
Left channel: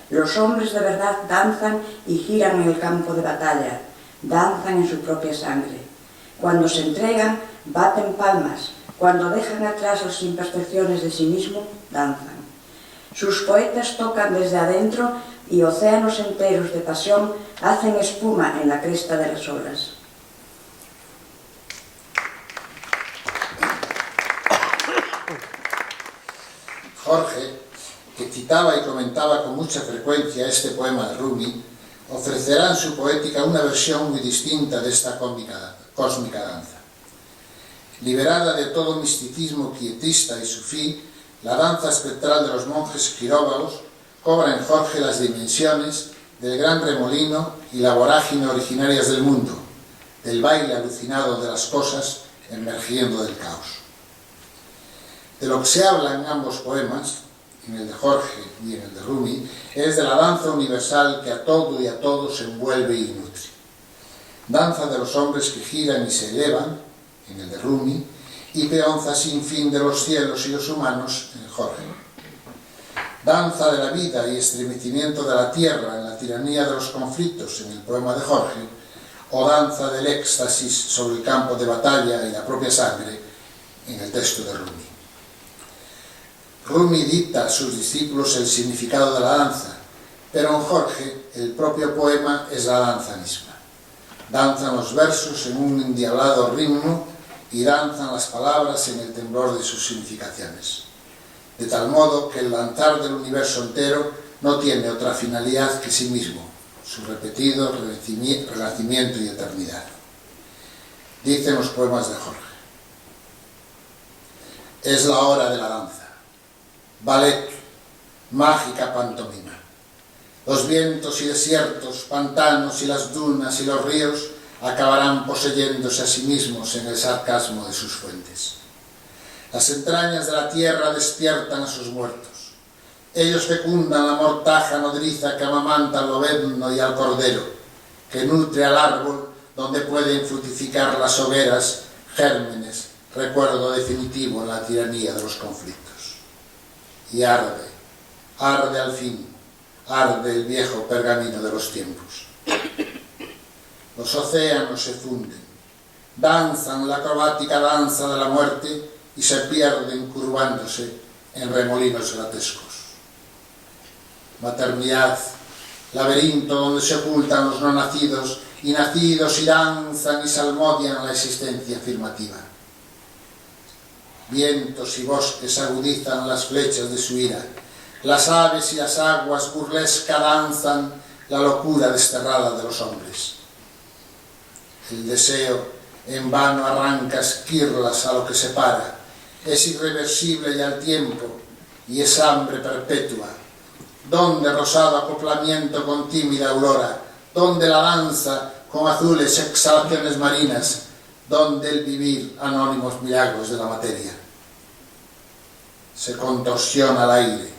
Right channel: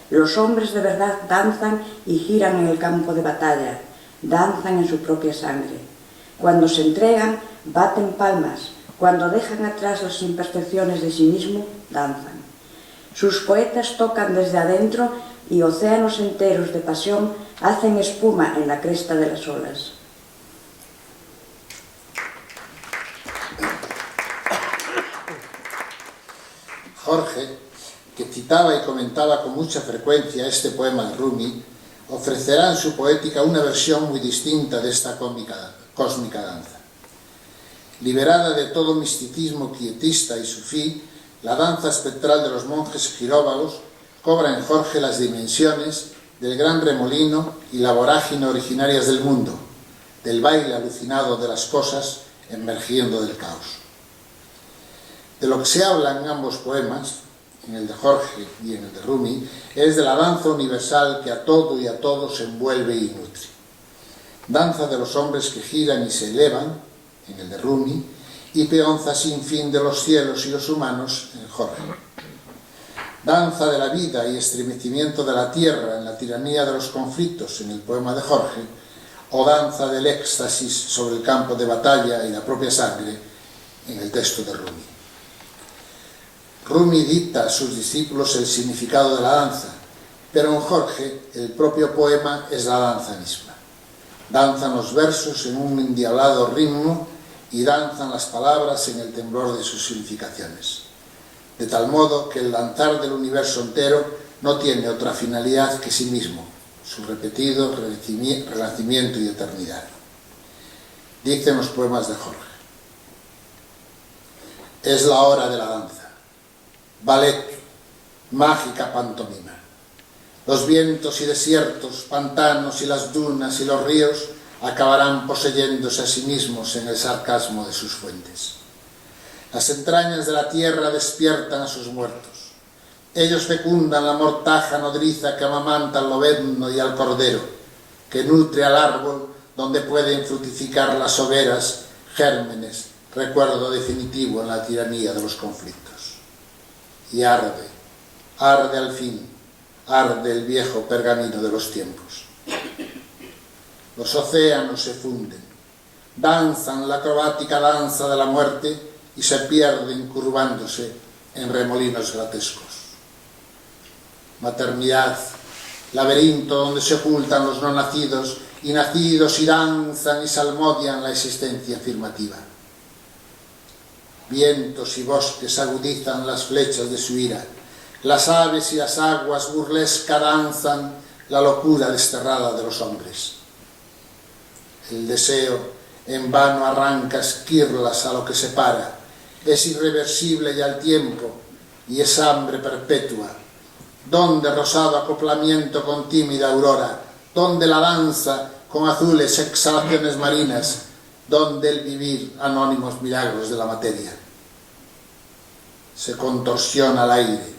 Los hombres de verdad danzan y giran en el campo de batalla, danzan en su propia sangre. Cuando se entregan, baten palmas. Cuando dejan atrás las imperfecciones de sí mismo, danzan. Sus poetas tocan desde adentro y océanos enteros de pasión hacen espuma en la cresta de las olas. Jorge, que citaba y comentaba con mucha frecuencia este poema de Rumi, ofrecerá en su poética una versión muy distinta de esta cósmica danza. Liberada de todo misticismo quietista y sufí, la danza espectral de los monjes giróvagos cobra en Jorge las dimensiones del gran remolino y la vorágine originarias del mundo, del baile alucinado de las cosas emergiendo del caos. De lo que se habla en ambos poemas, en el de Jorge y en el de Rumi, es de la danza universal que a todo y a todos envuelve y nutre. Danza de los hombres que giran y se elevan, en el de Rumi, y peonza sin fin de los cielos y los humanos, en Jorge. Danza de la vida y estremecimiento de la tierra en la tiranía de los conflictos, en el poema de Jorge, o danza del éxtasis sobre el campo de batalla y la propia sangre, en el texto de Rumi. Rumi dicta a sus discípulos el significado de la danza, pero en Jorge el propio poema es la danza misma. Danzan los versos en un endiablado ritmo y danzan las palabras en el temblor de sus significaciones. De tal modo que el danzar del universo entero no tiene otra finalidad que sí mismo, su repetido renacimiento y eternidad. Dicen los poemas de Jorge: es la hora de la danza. Ballet, mágica pantomima. Los vientos y desiertos, pantanos y las dunas y los ríos acabarán poseyéndose a sí mismos en el sarcasmo de sus fuentes. Las entrañas de la tierra despiertan a sus muertos. Ellos fecundan la mortaja nodriza que amamanta al lobezno y al cordero, que nutre al árbol donde pueden fructificar las hogueras, gérmenes, recuerdo definitivo en la tiranía de los conflictos. Y arde, arde al fin, arde el viejo pergamino de los tiempos. Los océanos se funden, danzan la acrobática danza de la muerte y se pierden curvándose en remolinos grotescos. Maternidad, laberinto donde se ocultan los no nacidos, y nacidos y danzan y salmodian la existencia afirmativa. Vientos y bosques agudizan las flechas de su ira, las aves y las aguas burlesca danzan la locura desterrada de los hombres. El deseo en vano arranca esquirlas a lo que separa, es irreversible ya el tiempo y es hambre perpetua. Donde rosado acoplamiento con tímida aurora, donde la danza con azules exhalaciones marinas, donde el vivir anónimos milagros de la materia. Se contorsiona el aire,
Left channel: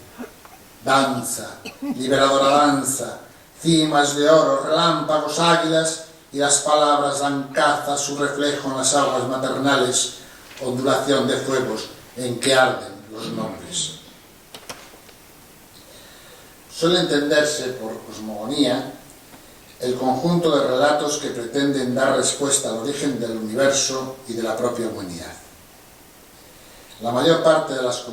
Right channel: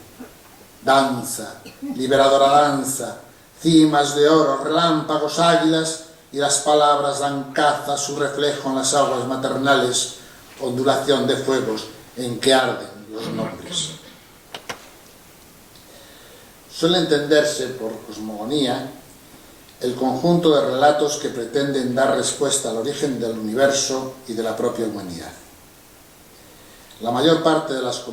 danza, liberadora danza, cimas de oro, relámpagos, águilas, y las palabras dan caza a su reflejo en las aguas maternales, ondulación de fuegos en que arden los nombres. Suele entenderse por cosmogonía el conjunto de relatos que pretenden dar respuesta al origen del universo y de la propia humanidad. La mayor parte de las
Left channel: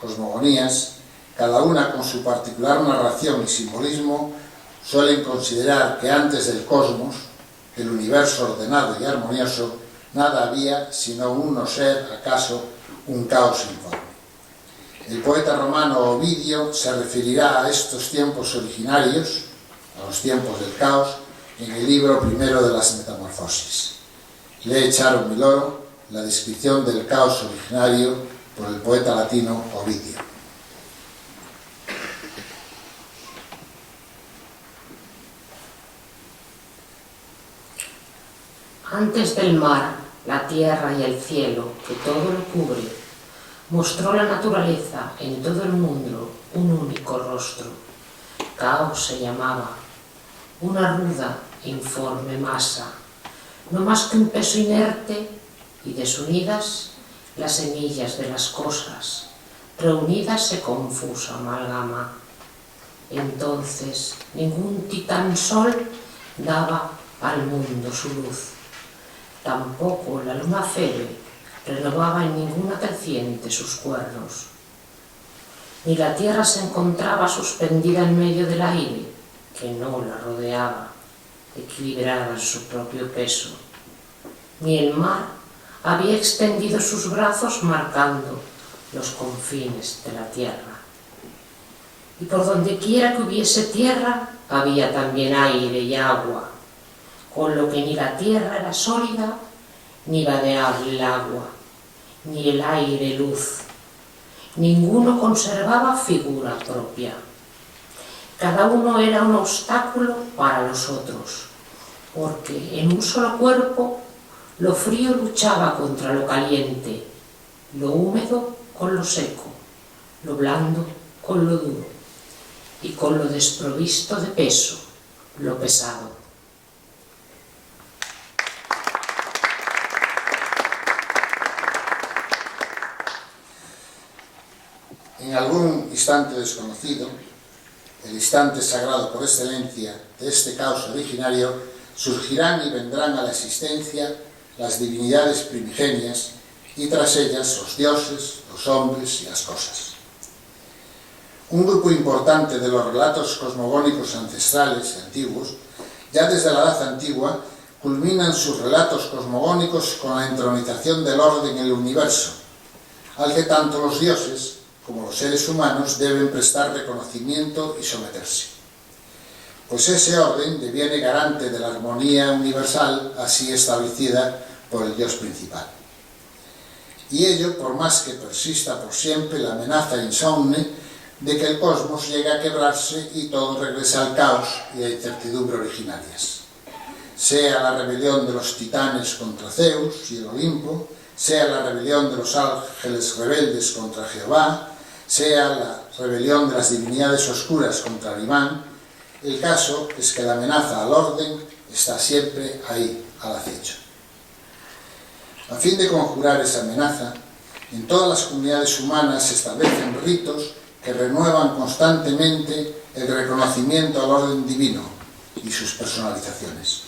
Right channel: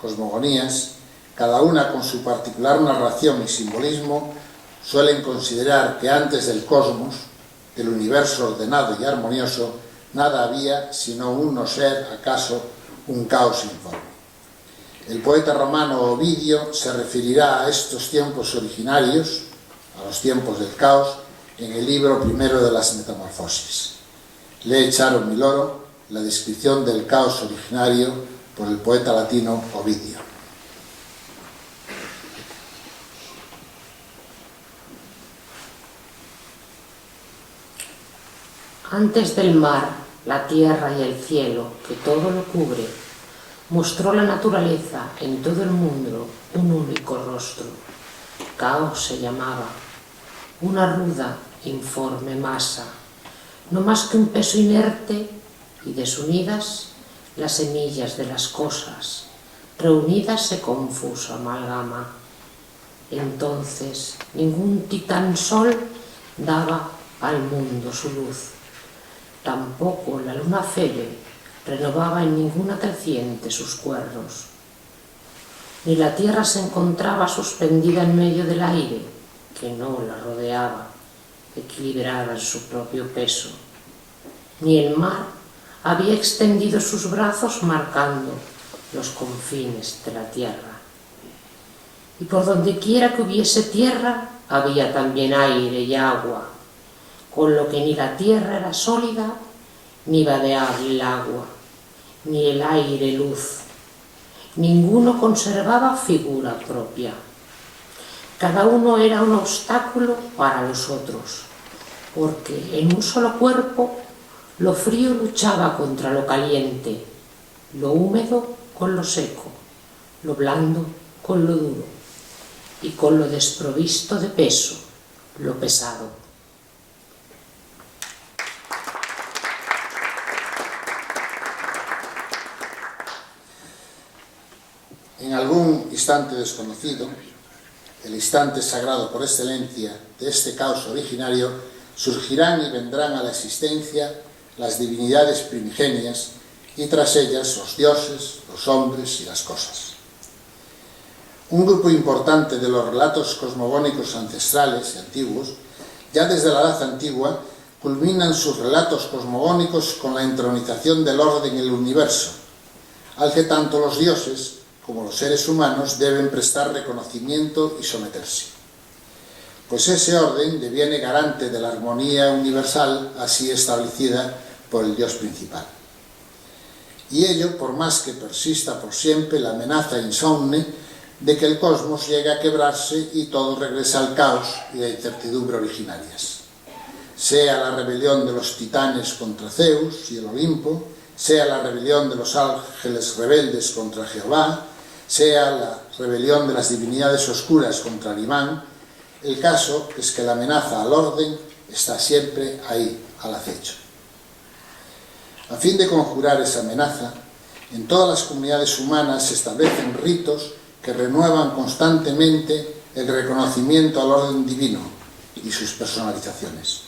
cosmogonías, cada una con su particular narración y simbolismo, suelen considerar que antes del cosmos, del universo ordenado y armonioso, nada había sino un no ser, acaso un caos informe. El poeta romano Ovidio se referirá a estos tiempos originarios, a los tiempos del caos, en el libro primero de las Metamorfosis. Lee Charo Miloro la descripción del caos originario por el poeta latino Ovidio. Antes del mar, la tierra y el cielo, que todo lo cubre, mostró la naturaleza en todo el mundo un único rostro. Caos se llamaba, una ruda, informe masa, no más que un peso inerte y desunidas las semillas de las cosas, reunidas se confusa amalgama. Entonces ningún titán sol daba al mundo su luz, tampoco la luna Febe renovaba en ninguna creciente sus cuernos, ni la tierra se encontraba suspendida en medio del aire, que no la rodeaba, equilibrada en su propio peso, ni el mar había extendido sus brazos marcando los confines de la tierra. Y por donde quiera que hubiese tierra, había también aire y agua, con lo que ni la tierra era sólida, ni vadeable el agua, ni el aire luz. Ninguno conservaba figura propia. Cada uno era un obstáculo para los otros, porque en un solo cuerpo lo frío luchaba contra lo caliente, lo húmedo con lo seco, lo blando con lo duro, y con lo desprovisto de peso, lo pesado. En algún instante desconocido, el instante sagrado por excelencia de este caos originario, surgirán y vendrán a la existencia las divinidades primigenias y tras ellas los dioses, los hombres y las cosas. Un grupo importante de los relatos cosmogónicos ancestrales y antiguos, ya desde la Edad Antigua, culminan sus relatos cosmogónicos con la entronización del orden en el universo, al que tanto los dioses como los seres humanos deben prestar reconocimiento y someterse. Pues ese orden deviene garante de la armonía universal así establecida por el Dios principal. Y ello por más que persista por siempre la amenaza insomne de que el cosmos llegue a quebrarse y todo regrese al caos y la incertidumbre originarias. Sea la rebelión de los titanes contra Zeus y el Olimpo, sea la rebelión de los ángeles rebeldes contra Jehová, sea la rebelión de las divinidades oscuras contra el imán, el caso es que la amenaza al orden está siempre ahí, al acecho. A fin de conjurar esa amenaza, en todas las comunidades humanas se establecen ritos que renuevan constantemente el reconocimiento al orden divino y sus personalizaciones,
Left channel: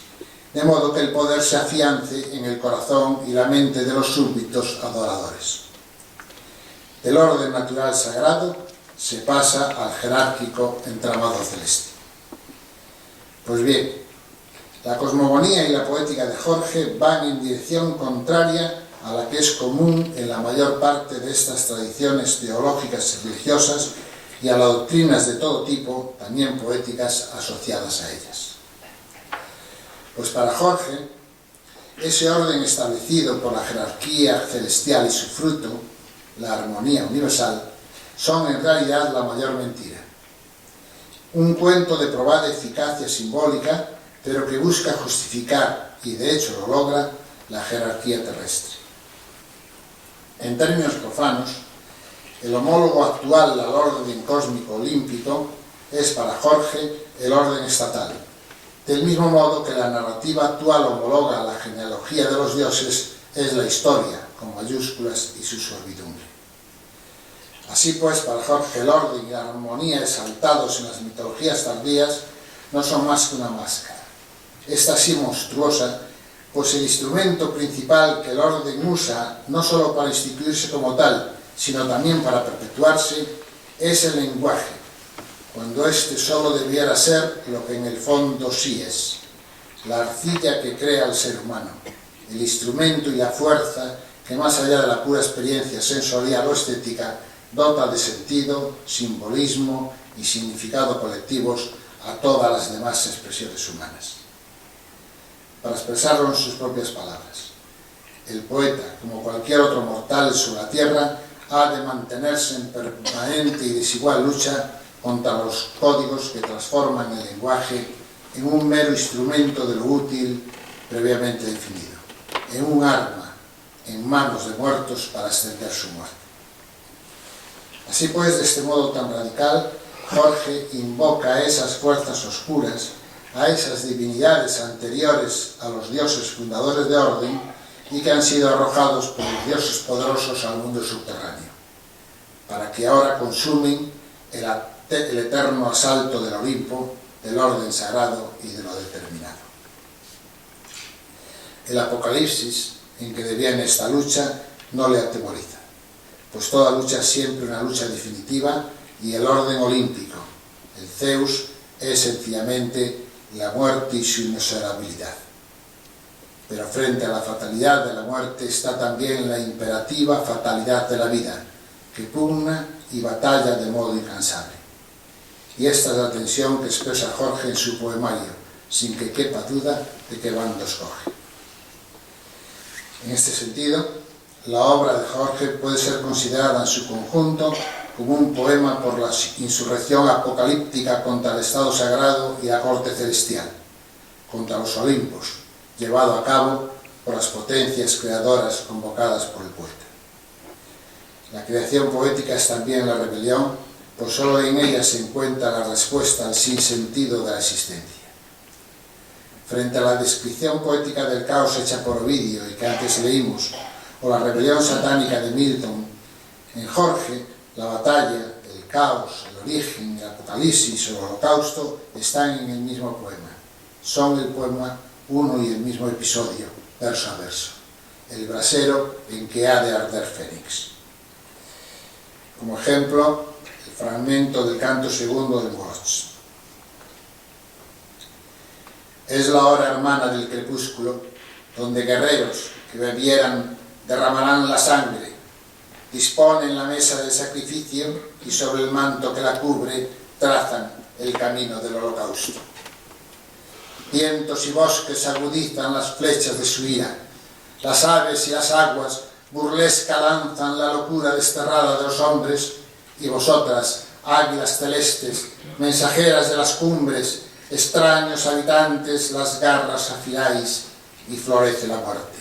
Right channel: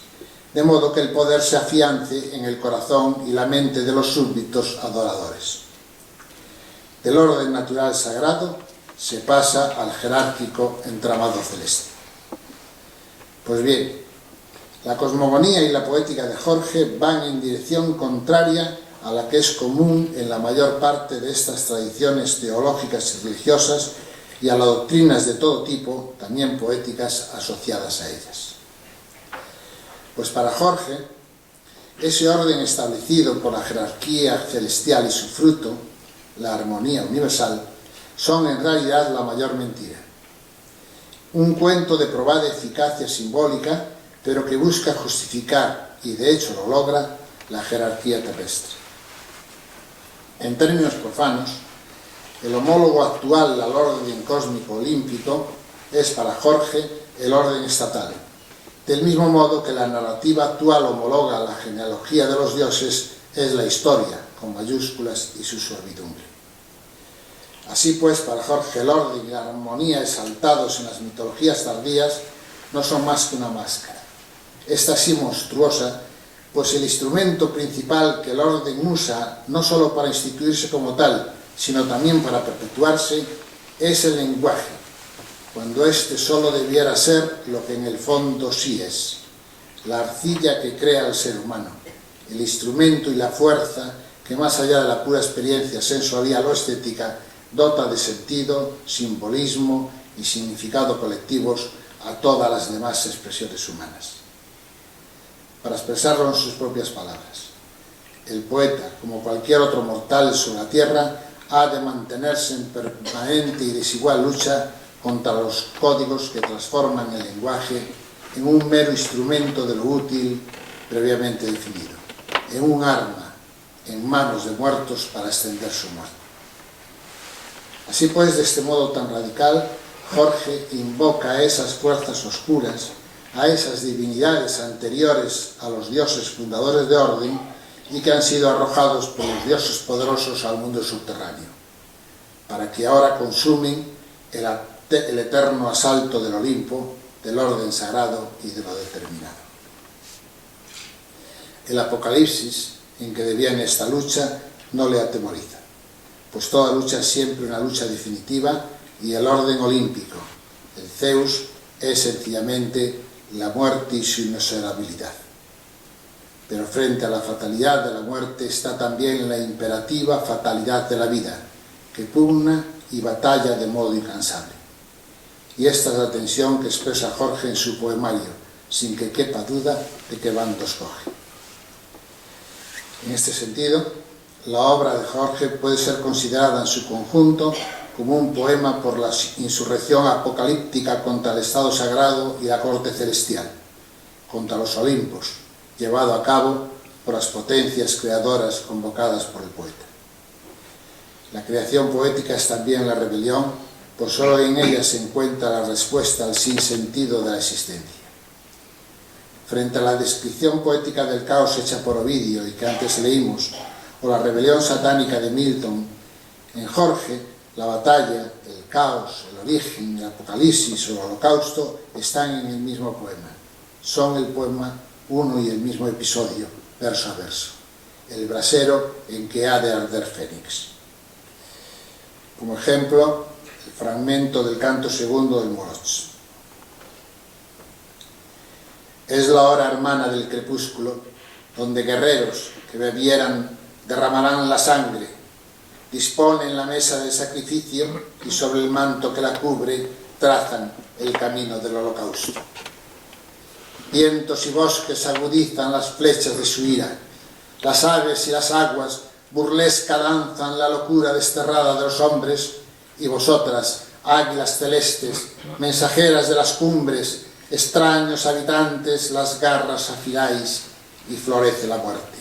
de modo que el poder se afiance en el corazón y la mente de los súbditos adoradores. Del orden natural sagrado se pasa al jerárquico entramado celeste. Pues bien, la cosmogonía y la poética de Jorge van en dirección contraria a la que es común en la mayor parte de estas tradiciones teológicas y religiosas y a las doctrinas de todo tipo, también poéticas, asociadas a ellas. Pues para Jorge, ese orden establecido por la jerarquía celestial y su fruto, la armonía universal, son en realidad la mayor mentira. Un cuento de probada eficacia simbólica, pero que busca justificar, y de hecho lo logra, la jerarquía terrestre. En términos profanos, el homólogo actual al orden cósmico olímpico es para Jorge el orden estatal, del mismo modo que la narrativa actual homologa la genealogía de los dioses es la historia, con mayúsculas y su servidumbre. Así pues, para Jorge el orden y la armonía exaltados en las mitologías tardías no son más que una máscara. Esta sí monstruosa, pues el instrumento principal que el orden usa, no solo para instituirse como tal, sino también para perpetuarse, es el lenguaje, cuando éste solo debiera ser lo que en el fondo sí es, la arcilla que crea al ser humano, el instrumento y la fuerza que más allá de la pura experiencia sensorial o estética, dota de sentido, simbolismo y significado colectivos a todas las demás expresiones humanas. Para expresarlo en sus propias palabras, el poeta, como cualquier otro mortal sobre la tierra, ha de mantenerse en permanente y desigual lucha contra los códigos que transforman el lenguaje en un mero instrumento de lo útil previamente definido, en un arma en manos de muertos para extender su muerte. Así pues, de este modo tan radical, Jorge invoca a esas fuerzas oscuras, a esas divinidades anteriores a los dioses fundadores de orden y que han sido arrojados por los dioses poderosos al mundo subterráneo, para que ahora consumen el eterno asalto del Olimpo, del orden sagrado y de lo determinado. El Apocalipsis, en que deviene esta lucha, no le atemoriza, pues toda lucha es siempre una lucha definitiva y el orden olímpico, el Zeus, es sencillamente la muerte y su inexorabilidad. Pero frente a la fatalidad de la muerte está también la imperativa fatalidad de la vida, que pugna y batalla de modo incansable. Y esta es la tensión que expresa Jorge en su poemario, sin que quepa duda de qué bando escoge. En este sentido, la obra de Jorge puede ser considerada en su conjunto como un poema por la insurrección apocalíptica contra el estado sagrado y la corte celestial, contra los Olimpos, llevado a cabo por las potencias creadoras convocadas por el poeta. La creación poética es también la rebelión, pues solo en ella se encuentra la respuesta al sinsentido de la existencia. Frente a la descripción poética del caos hecha por Ovidio y que antes leímos, o la rebelión satánica de Milton, en Jorge, la batalla, el caos, el origen, el apocalipsis o el holocausto están en el mismo poema. Son el poema uno y el mismo episodio, verso a verso. El brasero en que ha de arder Fénix. Como ejemplo, el fragmento del canto segundo del Moroch. Es la hora hermana del crepúsculo, donde guerreros que bebieran derramarán la sangre, disponen la mesa del sacrificio y sobre el manto que la cubre trazan el camino del holocausto. Vientos y bosques agudizan las flechas de su ira, las aves y las aguas burlesca lanzan la locura desterrada de los hombres, y vosotras, águilas celestes, mensajeras de las cumbres, extraños habitantes, las garras afiláis y florece la muerte.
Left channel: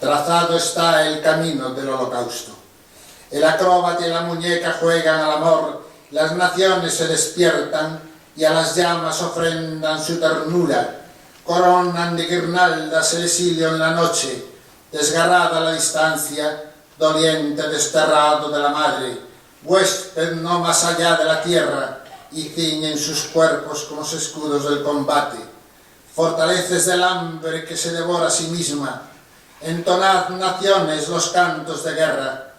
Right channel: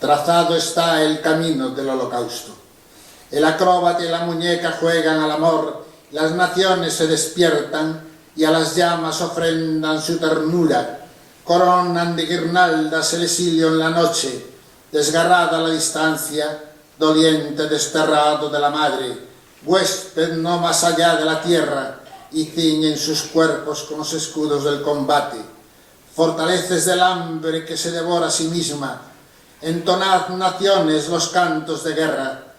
Trazado está el camino del holocausto. El acróbata y la muñeca juegan al amor, las naciones se despiertan y a las llamas ofrendan su ternura, coronan de guirnaldas el exilio en la noche, desgarrada la distancia, doliente desterrado de la madre, huésped no más allá de la tierra, y ciñen sus cuerpos con los escudos del combate. Fortaleces del hambre que se devora a sí misma, entonad naciones los cantos de guerra,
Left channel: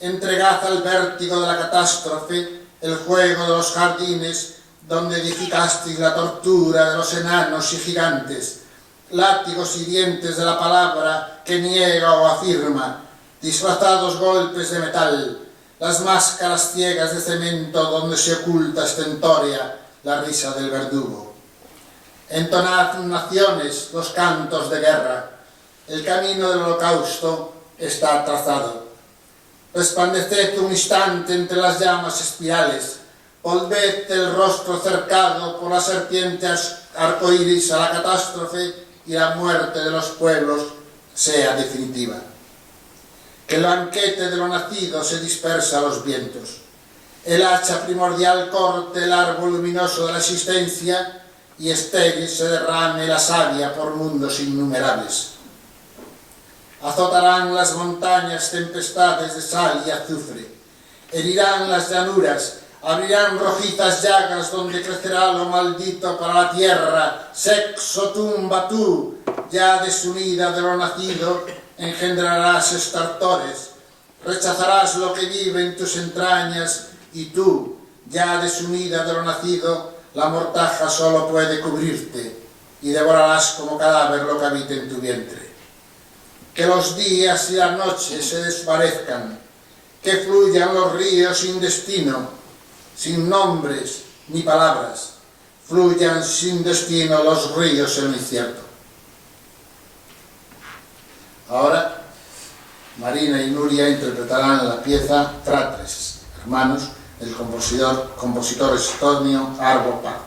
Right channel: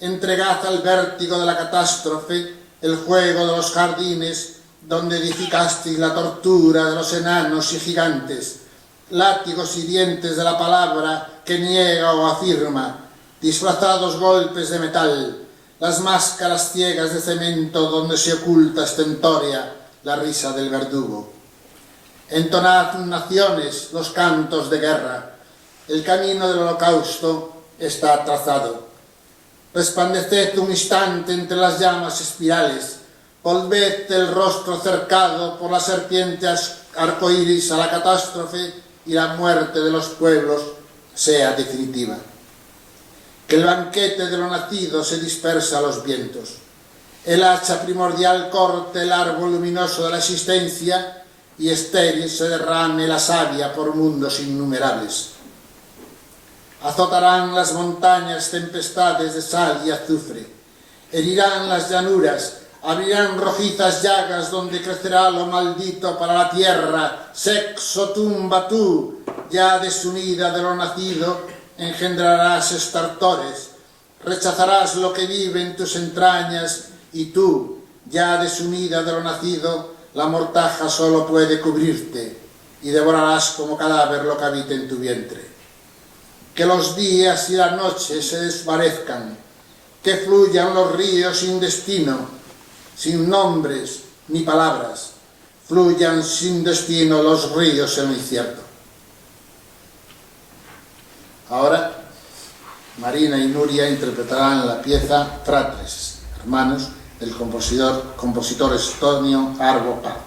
entregad al vértigo de la catástrofe el juego de los jardines donde edificasteis la tortura de los enanos y gigantes, látigos y dientes de la palabra que niega o afirma, disfrazados golpes de metal, las máscaras ciegas de cemento donde se oculta estentórea la risa del verdugo. Entonad naciones los cantos de guerra, el camino del holocausto está trazado. Resplandeced un instante entre las llamas espirales, volved el rostro cercado por la serpiente arcoíris a la catástrofe y la muerte de los pueblos sea definitiva. Que el banquete de lo nacido se dispersa a los vientos. El hacha primordial corte el árbol luminoso de la existencia y estéril se derrame la savia por mundos innumerables. Azotarán las montañas tempestades de sal y azufre, herirán las llanuras, abrirán rojizas llagas donde crecerá lo maldito para la tierra, sexo tumba tú, ya desunida de lo nacido, engendrarás estartores, rechazarás lo que vive en tus entrañas, y tú, ya desunida de lo nacido, la mortaja solo puede cubrirte, y devorarás como cadáver lo que habita en tu vientre. Que los días y las noches se desvanezcan, que fluyan los ríos sin destino, sin nombres ni palabras, fluyan sin destino los ríos en el incierto. Ahora, Marina y Nuria interpretarán la pieza Fratres, hermanos, del compositor estonio Arvo Pärt.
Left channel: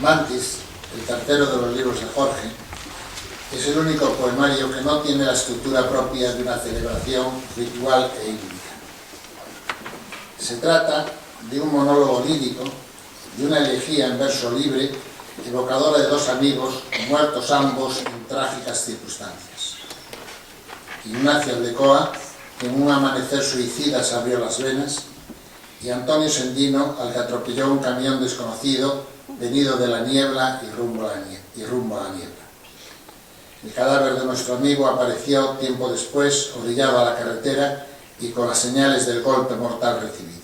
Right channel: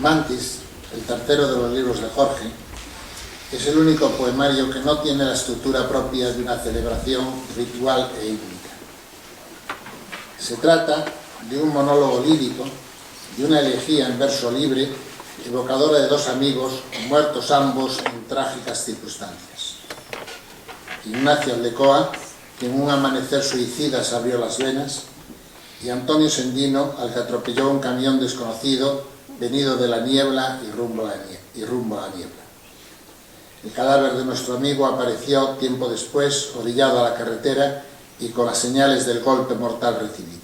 Mantis, el tercero de los libros de Jorge, es el único poemario que no tiene la estructura propia de una celebración ritual e hídrica. Se trata de un monólogo lírico, de una elegía en verso libre, evocadora de dos amigos muertos ambos en trágicas circunstancias. Ignacio Aldecoa, que en un amanecer suicida se abrió las venas, y Antonio Sendino, al que atropelló un camión desconocido venido de la niebla y rumbo a la niebla. El cadáver de nuestro amigo apareció tiempo después, orillado a la carretera y con las señales del golpe mortal recibido.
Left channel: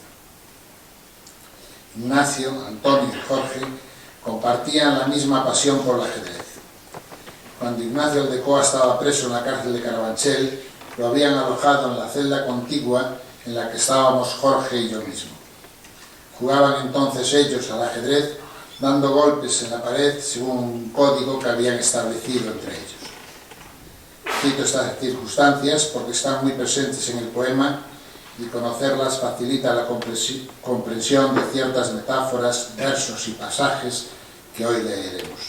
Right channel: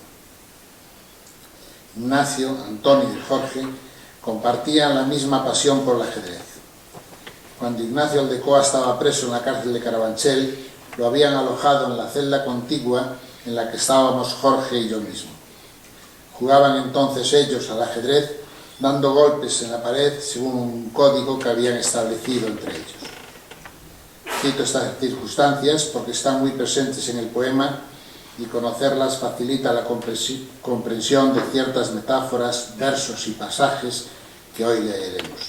Ignacio, Antonio y Jorge compartían la misma pasión por el ajedrez. Cuando Ignacio Aldecoa estaba preso en la cárcel de Carabanchel, lo habían alojado en la celda contigua en la que estábamos Jorge y yo mismo. Jugaban entonces ellos al ajedrez, dando golpes en la pared según un código que habían establecido entre ellos. Cito estas circunstancias porque están muy presentes en el poema y conocerlas facilita la comprensión de ciertas metáforas, versos y pasajes que hoy leeremos.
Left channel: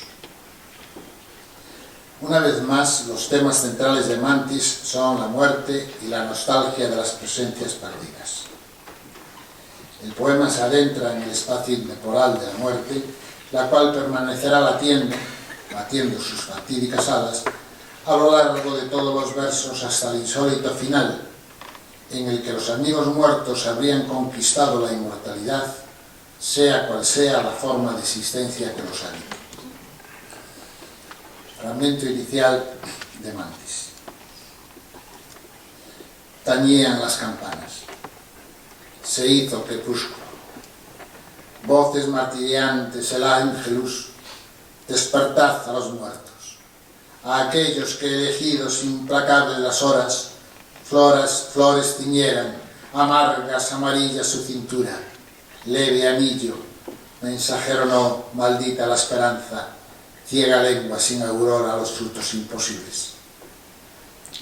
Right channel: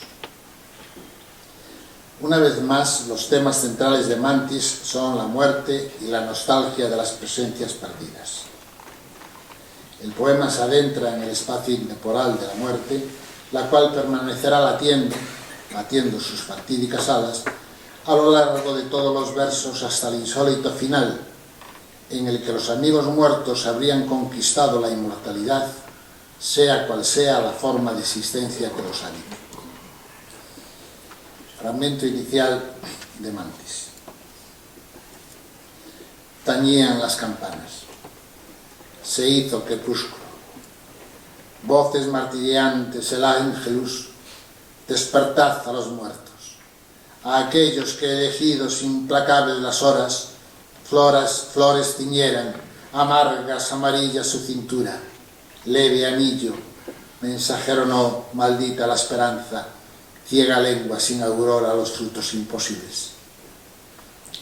Una vez más, los temas centrales de Mantis son la muerte y la nostalgia de las presencias perdidas. El poema se adentra en el espacio intemporal de la muerte, la cual permanecerá latiendo sus fatídicas alas a lo largo de todos los versos hasta el insólito final, en el que los amigos muertos habrían conquistado la inmortalidad, sea cual sea la forma de existencia que los habita. Fragmento inicial de Mantis. Tañían las campanas. Se hizo crepúsculo. Voces martilleantes, el ángelus, despertad a los muertos, a aquellos que elegidos implacables las horas, flores ciñeran, amargas, amarillas su cintura, leve anillo, mensajero no, maldita la esperanza, ciega lengua sin aurora a los frutos imposibles.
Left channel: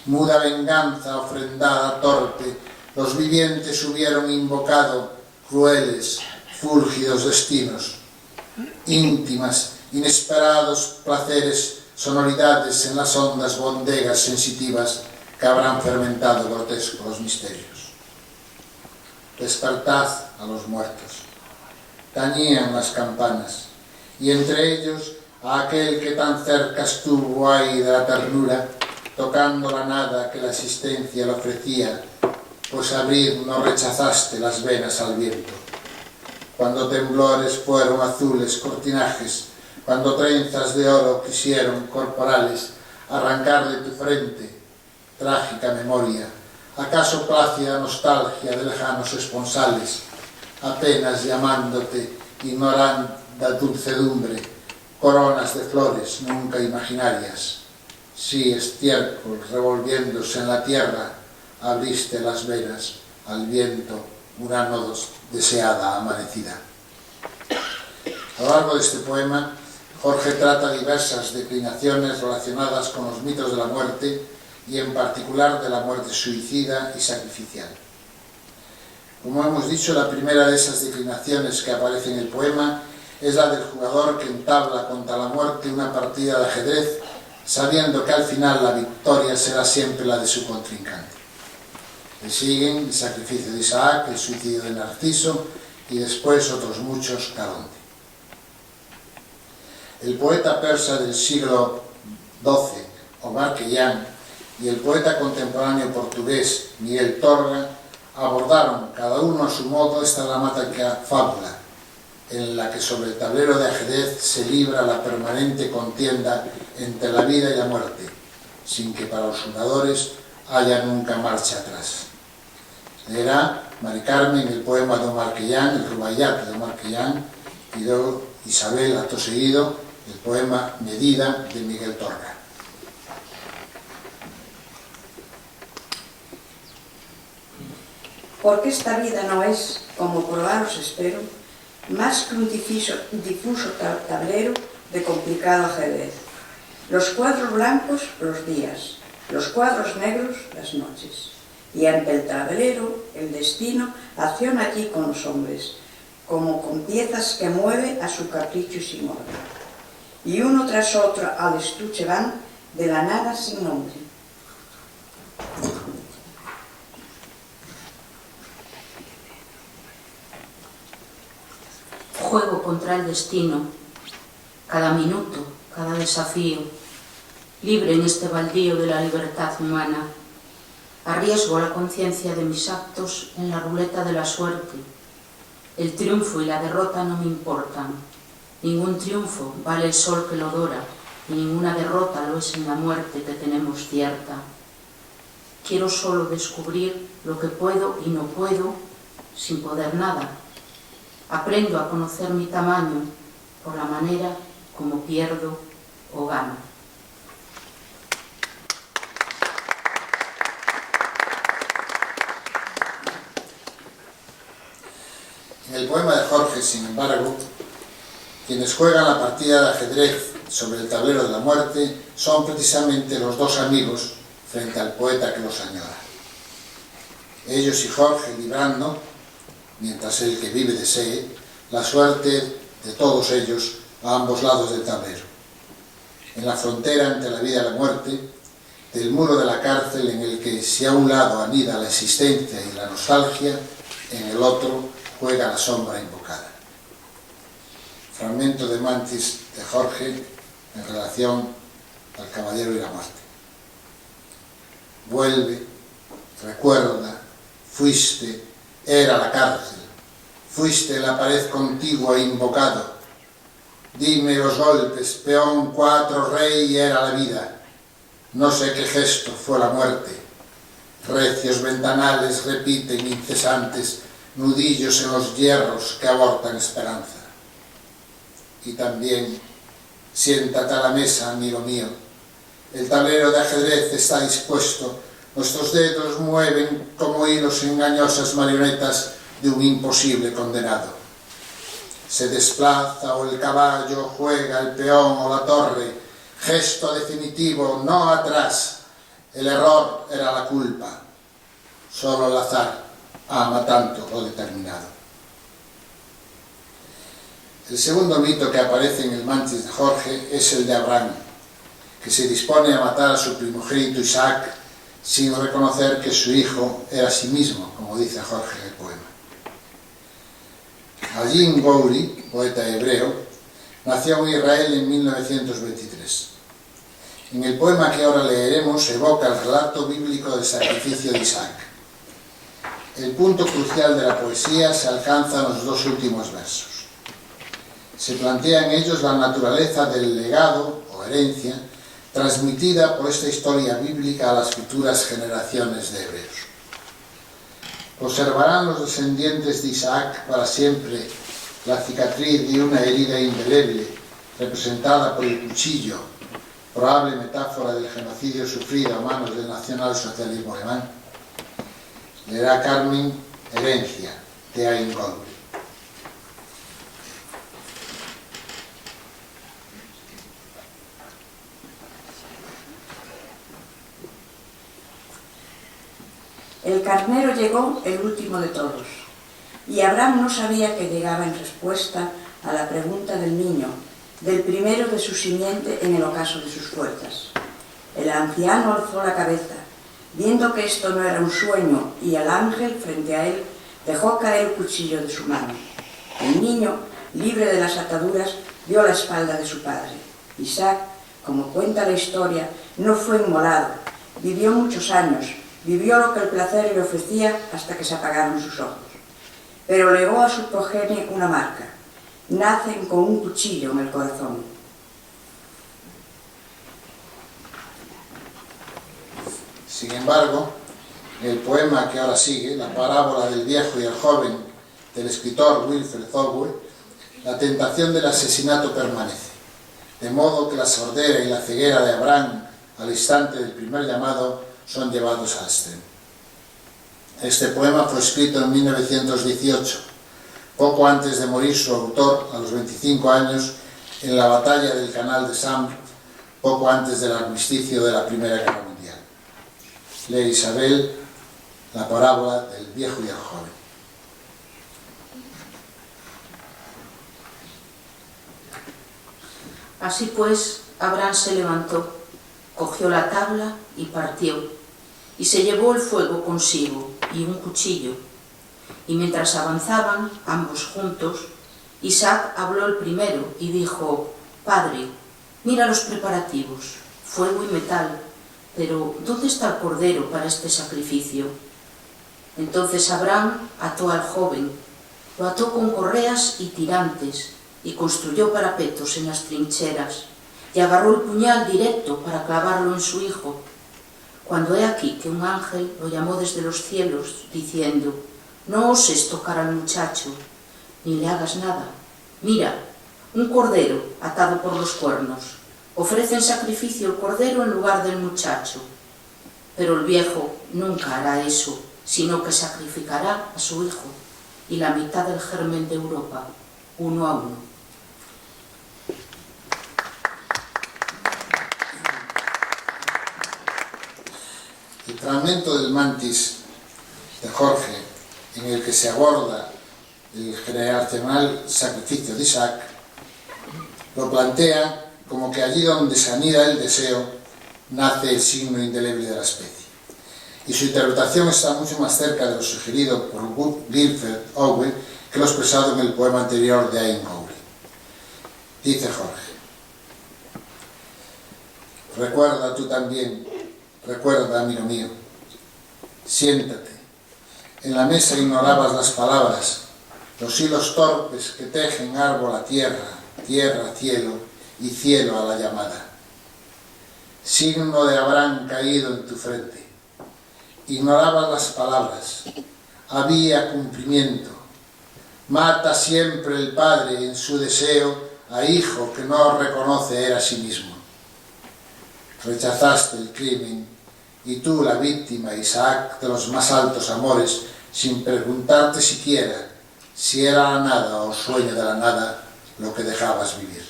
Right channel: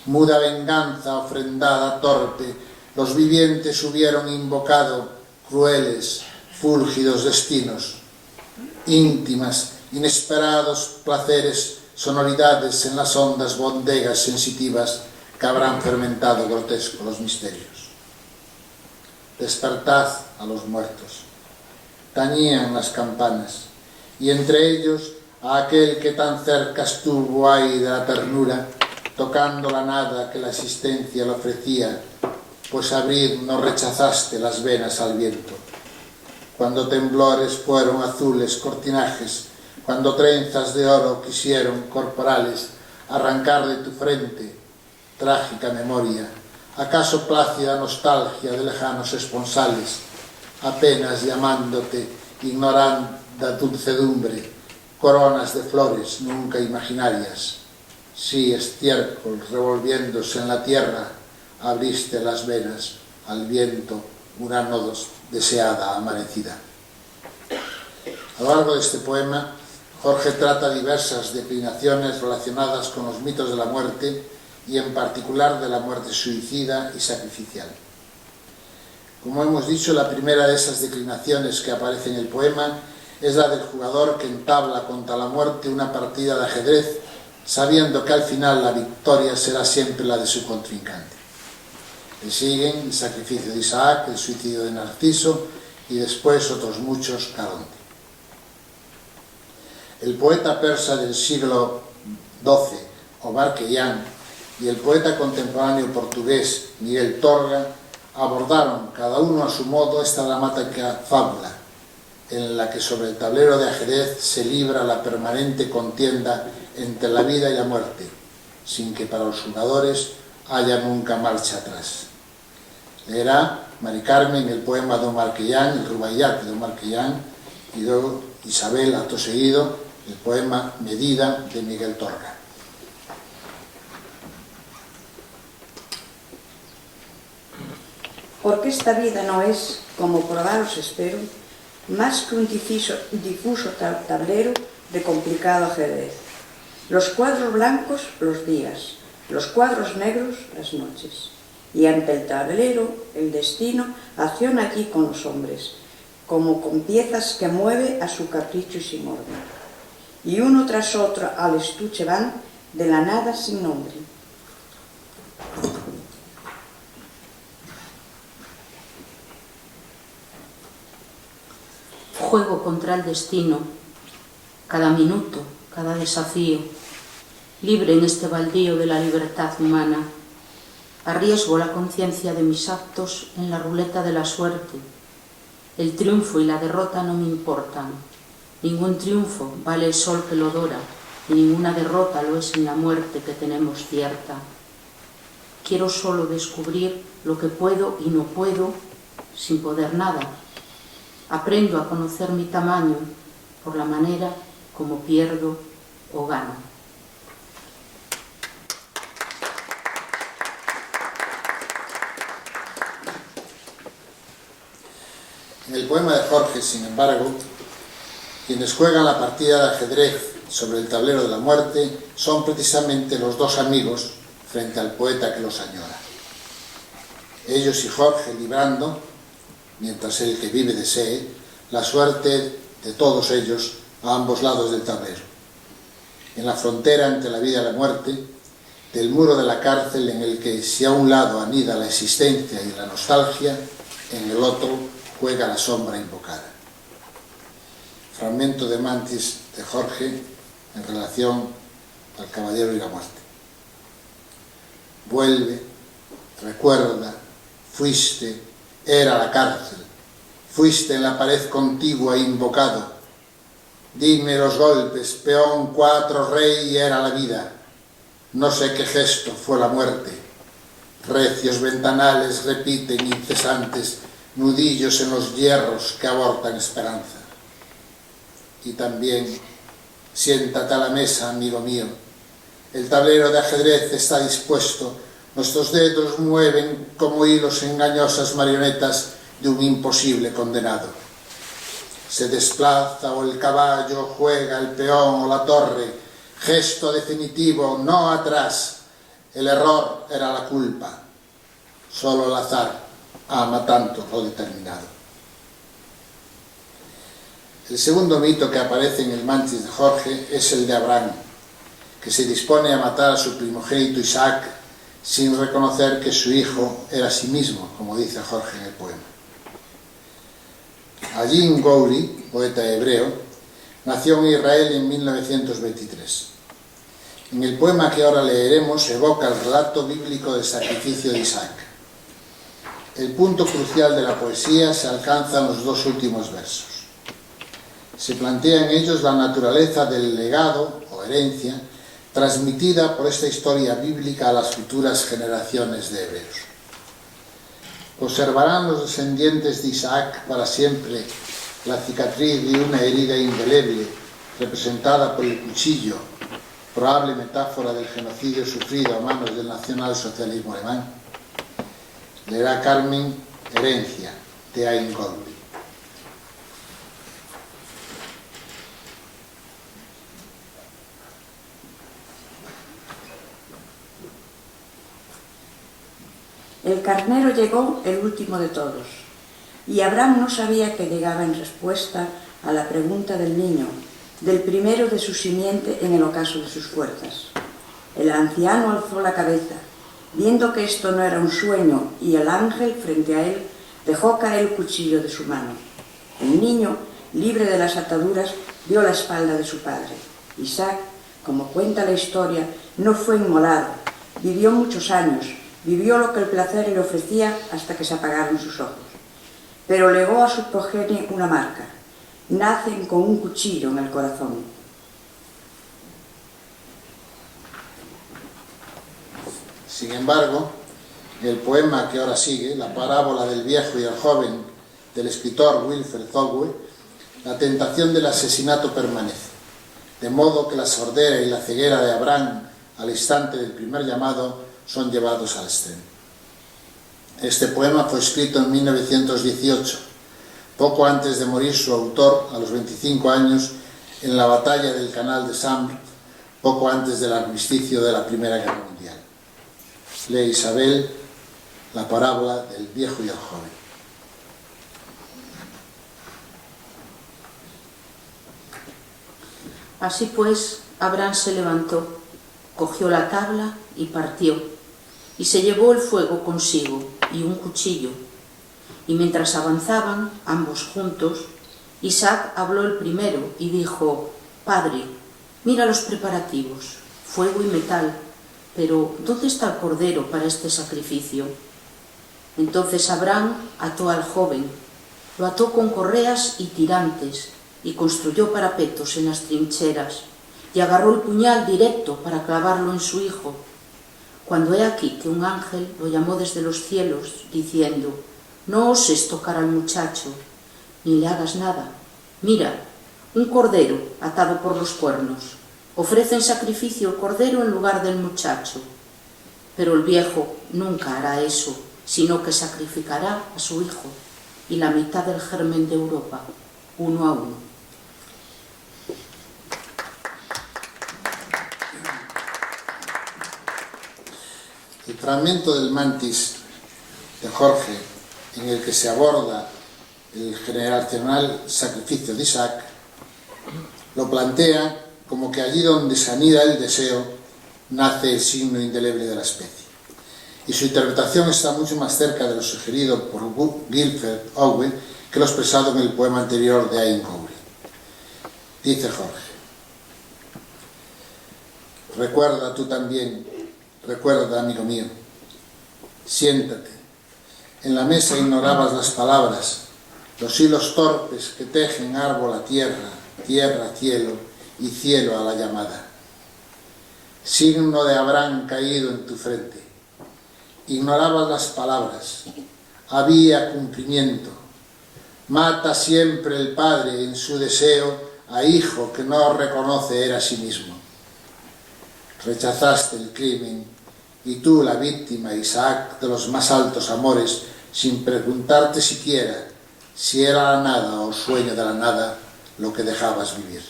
Muda venganza ofrendada torpe, los vivientes hubieron invocado crueles, fúlgidos destinos, íntimas, inesperados placeres, sonoridades en las hondas bodegas sensitivas que habrán fermentado grotescos los misterios. Despertad a los muertos. Tañían las campanas, y entre ellos a aquel que tan cerca estuvo ahí de la ternura, tocando la nada que la existencia le ofrecía, pues abrir no rechazaste las venas al viento. Cuando temblores fueron azules cortinajes, cuando trenzas de oro quisieron corporales arrancar de tu frente, trágica memoria, acaso plácida nostalgia de lejanos esponsales, apenas llamándote, ignoranda dulcedumbre, coronas de flores nunca imaginarias. Sí, estiércol revolviéndose en la tierra, abriste las venas al viento, una no deseada amanecida. A lo largo de este poema, Jorge trata diversas declinaciones relacionadas con los mitos de la muerte y en particular de la muerte suicida y sacrificial. Como hemos dicho, la primera de esas declinaciones que aparece en el poema es la del jugador que entabla contra la muerte una partida de ajedrez, sabiendo que al final la victoria será siempre la de su contrincante. Le siguen el sacrificio de Isaac, el suicidio de Narciso y después otros muchos Caronte. El poeta persa del siglo XII, Omar Khayyam, y el poeta contemporáneo portugués Miguel Torga abordaron, cada uno a su modo, esta dramática fábula, en la que sobre el tablero de ajedrez se libra la permanente contienda entre la vida y la muerte, sin que para los jugadores haya nunca marcha atrás. Leerá Mari Carmen el poema de Omar Khayyam, el Rubaiyat de Omar Khayyam, y luego Isabel, acto seguido, el poema Medida de Miguel Torga. Porque esta vida no es, como probaros espero, más que un difuso tablero de complicado ajedrez. Los cuadros blancos, los días, los cuadros negros, las noches. Y ante el tablero, el destino acciona allí con los hombres, como con piezas que mueve a su capricho y sin orden. Y uno tras otro al estuche van, de la nada sin nombre. Juego contra el destino, cada minuto, cada desafío, libre en este baldío de la libertad humana. Arriesgo la conciencia de mis actos en la ruleta de la suerte. El triunfo y la derrota no me importan. Ningún triunfo vale el sol que lo dora, y ninguna derrota lo es en la muerte que tenemos cierta. Quiero solo descubrir lo que puedo y no puedo, sin poder nada. Aprendo a conocer mi tamaño por la manera como pierdo o gano. En el poema de Jorge, sin embargo, quienes juegan la partida de ajedrez sobre el tablero de la muerte son precisamente los dos amigos frente al poeta que los añora. Ellos y Jorge librando, mientras el que vive desee, la suerte de todos ellos a ambos lados del tablero. En la frontera entre la vida y la muerte, del muro de la cárcel en el que si a un lado anida la existencia y la nostalgia, en el otro juega la sombra invocada. Fragmento de Mantis de Jorge en relación al caballero y la muerte. Vuelve, recuerda, fuiste, era la cárcel, fuiste en la pared contigua invocado. Dime los golpes, peón, 4, rey, era la vida. No sé qué gesto fue la muerte. Recios ventanales repiten incesantes, nudillos en los hierros que abortan esperanza. Y también, siéntate a la mesa, amigo mío. El tablero de ajedrez está dispuesto. Nuestros dedos mueven como hilos engañosas marionetas de un imposible condenado. Se desplaza o el caballo, juega el peón o la torre. Gesto definitivo, no atrás. El error era la culpa. Solo el azar ama tanto lo determinado. El segundo mito que aparece en el Mantis de Jorge es el de Abraham, que se dispone a matar a su primogénito Isaac sin reconocer que su hijo era sí mismo, como dice Jorge en el poema. Ajin Gouri, poeta hebreo, nació en Israel en 1923. En el poema que ahora leeremos evoca el relato bíblico del sacrificio de Isaac. El punto crucial de la poesía se alcanza en los dos últimos versos. Se plantea en ellos la naturaleza del legado o herencia transmitida por esta historia bíblica a las futuras generaciones de hebreos. Conservarán los descendientes de Isaac para siempre la cicatriz de una herida indeleble representada por el cuchillo, probable metáfora del genocidio sufrido a manos del nacionalsocialismo alemán. Leerá Carmen Herencia, de Ajin Gouri. El carnero llegó el último de todos, y Abraham no sabía que llegaba en respuesta a la pregunta del niño, del primero de su simiente en el ocaso de sus fuerzas. El anciano alzó la cabeza, viendo que esto no era un sueño, y el ángel frente a él dejó caer el cuchillo de su mano. El niño, libre de las ataduras, vio la espalda de su padre. Isaac, como cuenta la historia, no fue inmolado, vivió muchos años, vivió lo que el placer le ofrecía hasta que se apagaron sus ojos. Pero legó a su progenie una marca. Nacen con un cuchillo en el corazón. Sin embargo, en el poema que ahora sigue, la parábola del viejo y el joven del escritor Wilfred Owen, la tentación del asesinato permanece, de modo que la sordera y la ceguera de Abraham al instante del primer llamado son llevados al extremo. Este poema fue escrito en 1918, poco antes de morir su autor a los 25 años en la batalla del Canal de Sambre, poco antes del armisticio de la Primera Guerra Mundial. Lee Isabel, la parábola del viejo y el joven. Así pues, Abraham se levantó, cogió la tabla y partió, y se llevó el fuego consigo y un cuchillo. Y mientras avanzaban, ambos juntos, Isaac habló el primero y dijo: «Padre, mira los preparativos, fuego y metal, pero ¿dónde está el cordero para este sacrificio?». Entonces Abraham ató al joven, lo ató con correas y tirantes, y construyó parapetos en las trincheras, y agarró el puñal directo para clavarlo en su hijo. Cuando he aquí que un ángel lo llamó desde los cielos, diciendo: «No oses tocar al muchacho, ni le hagas nada. Mira, un cordero atado por los cuernos. Ofrece en sacrificio el cordero en lugar del muchacho». Pero el viejo nunca hará eso, sino que sacrificará a su hijo y la mitad del germen de Europa, uno a uno. El fragmento del Mantis de Jorge, en el que se aborda el generacional sacrificio de Isaac, lo plantea como que allí donde se anida el deseo, nace el signo indeleble de la especie. Y su interpretación está mucho más cerca de lo sugerido por Guilford Owen que lo expresado en el poema anterior de Ayn Gowrie. Dice Jorge: «Recuerda tú también, recuerda, amigo mío, siéntate. En la mesa ignorabas las palabras, los hilos torpes que tejen árbol a tierra, tierra a cielo y cielo a la llamada. Signo de Abraham caído en tu frente. Ignorabas las palabras. Había cumplimiento. Mata siempre el padre en su deseo a hijo que no reconoce era a sí mismo. Rechazaste el crimen y tú la víctima, Isaac, de los más altos amores, sin preguntarte siquiera si era la nada o sueño de la nada lo que dejabas vivir.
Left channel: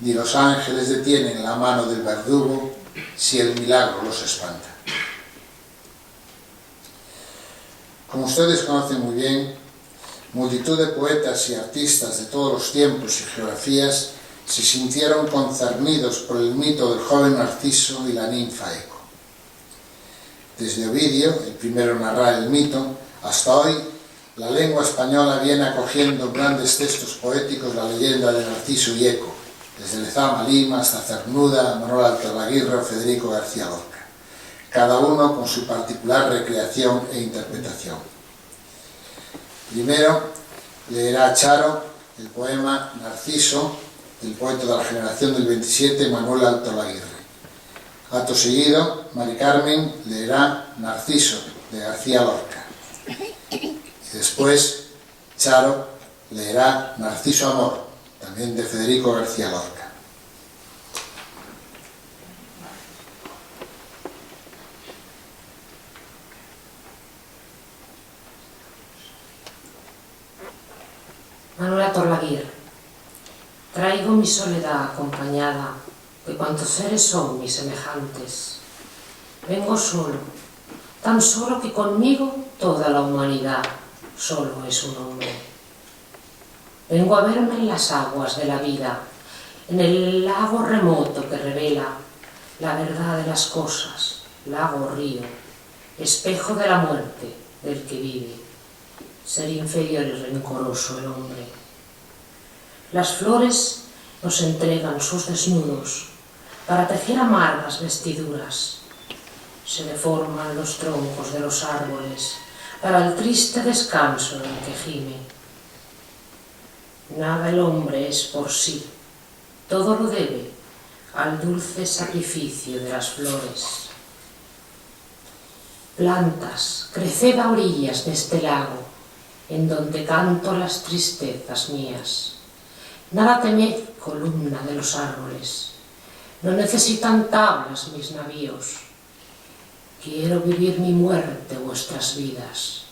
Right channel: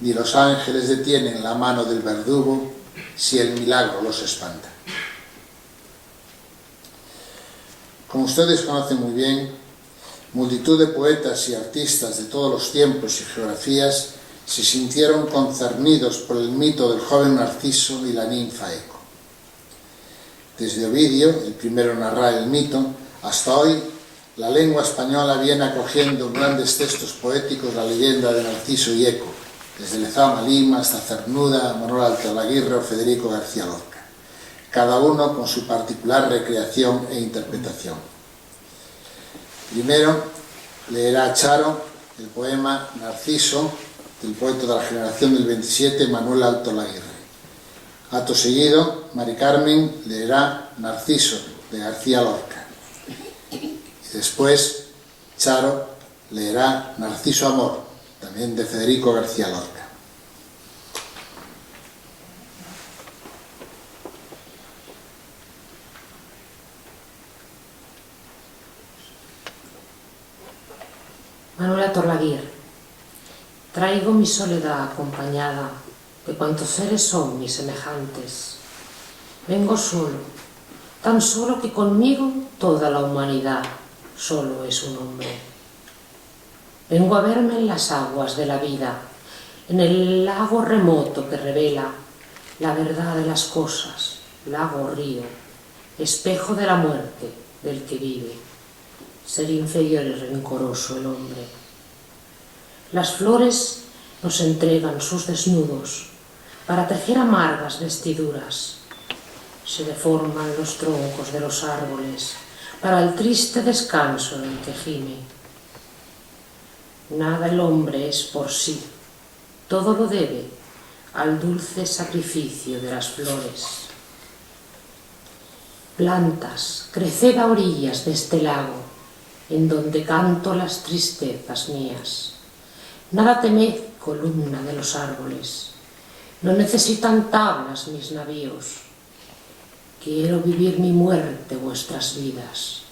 Ni los ángeles detienen la mano del verdugo si el milagro los espanta». Como ustedes conocen muy bien, multitud de poetas y artistas de todos los tiempos y geografías se sintieron concernidos por el mito del joven Narciso y la ninfa Eco. Desde Ovidio, el primero en narrar el mito, hasta hoy, la lengua española viene acogiendo en grandes textos poéticos la leyenda de Narciso y Eco, desde Lezama Lima hasta Cernuda, Manuel Altolaguirre o Federico García Lorca, cada uno con su particular recreación e interpretación. Primero leerá Charo el poema Narciso, del poeta de la generación del 27, Manuel Altolaguirre. Acto seguido, Mari Carmen leerá Narciso, de García Lorca. Y después, Charo leerá Narciso Amor, también de Federico García Lorca. Manuel Altolaguirre. Traigo mi soledad acompañada de cuantos seres son mis semejantes. Vengo solo, tan solo que conmigo toda la humanidad solo es un hombre. Vengo a verme en las aguas de la vida, en el lago remoto que revela la verdad de las cosas, lago o río, espejo de la muerte del que vive, ser inferior y rencoroso el hombre. Las flores nos entregan sus desnudos para tejer amargas vestiduras. Se deforman los troncos de los árboles para el triste descanso en el que gime. Nada el hombre es por sí, todo lo debe al dulce sacrificio de las flores. Plantas, creced a orillas de este lago, en donde canto las tristezas mías. Nada temed, columna de los árboles, no necesitan tablas mis navíos. Quiero vivir mi muerte, vuestras vidas,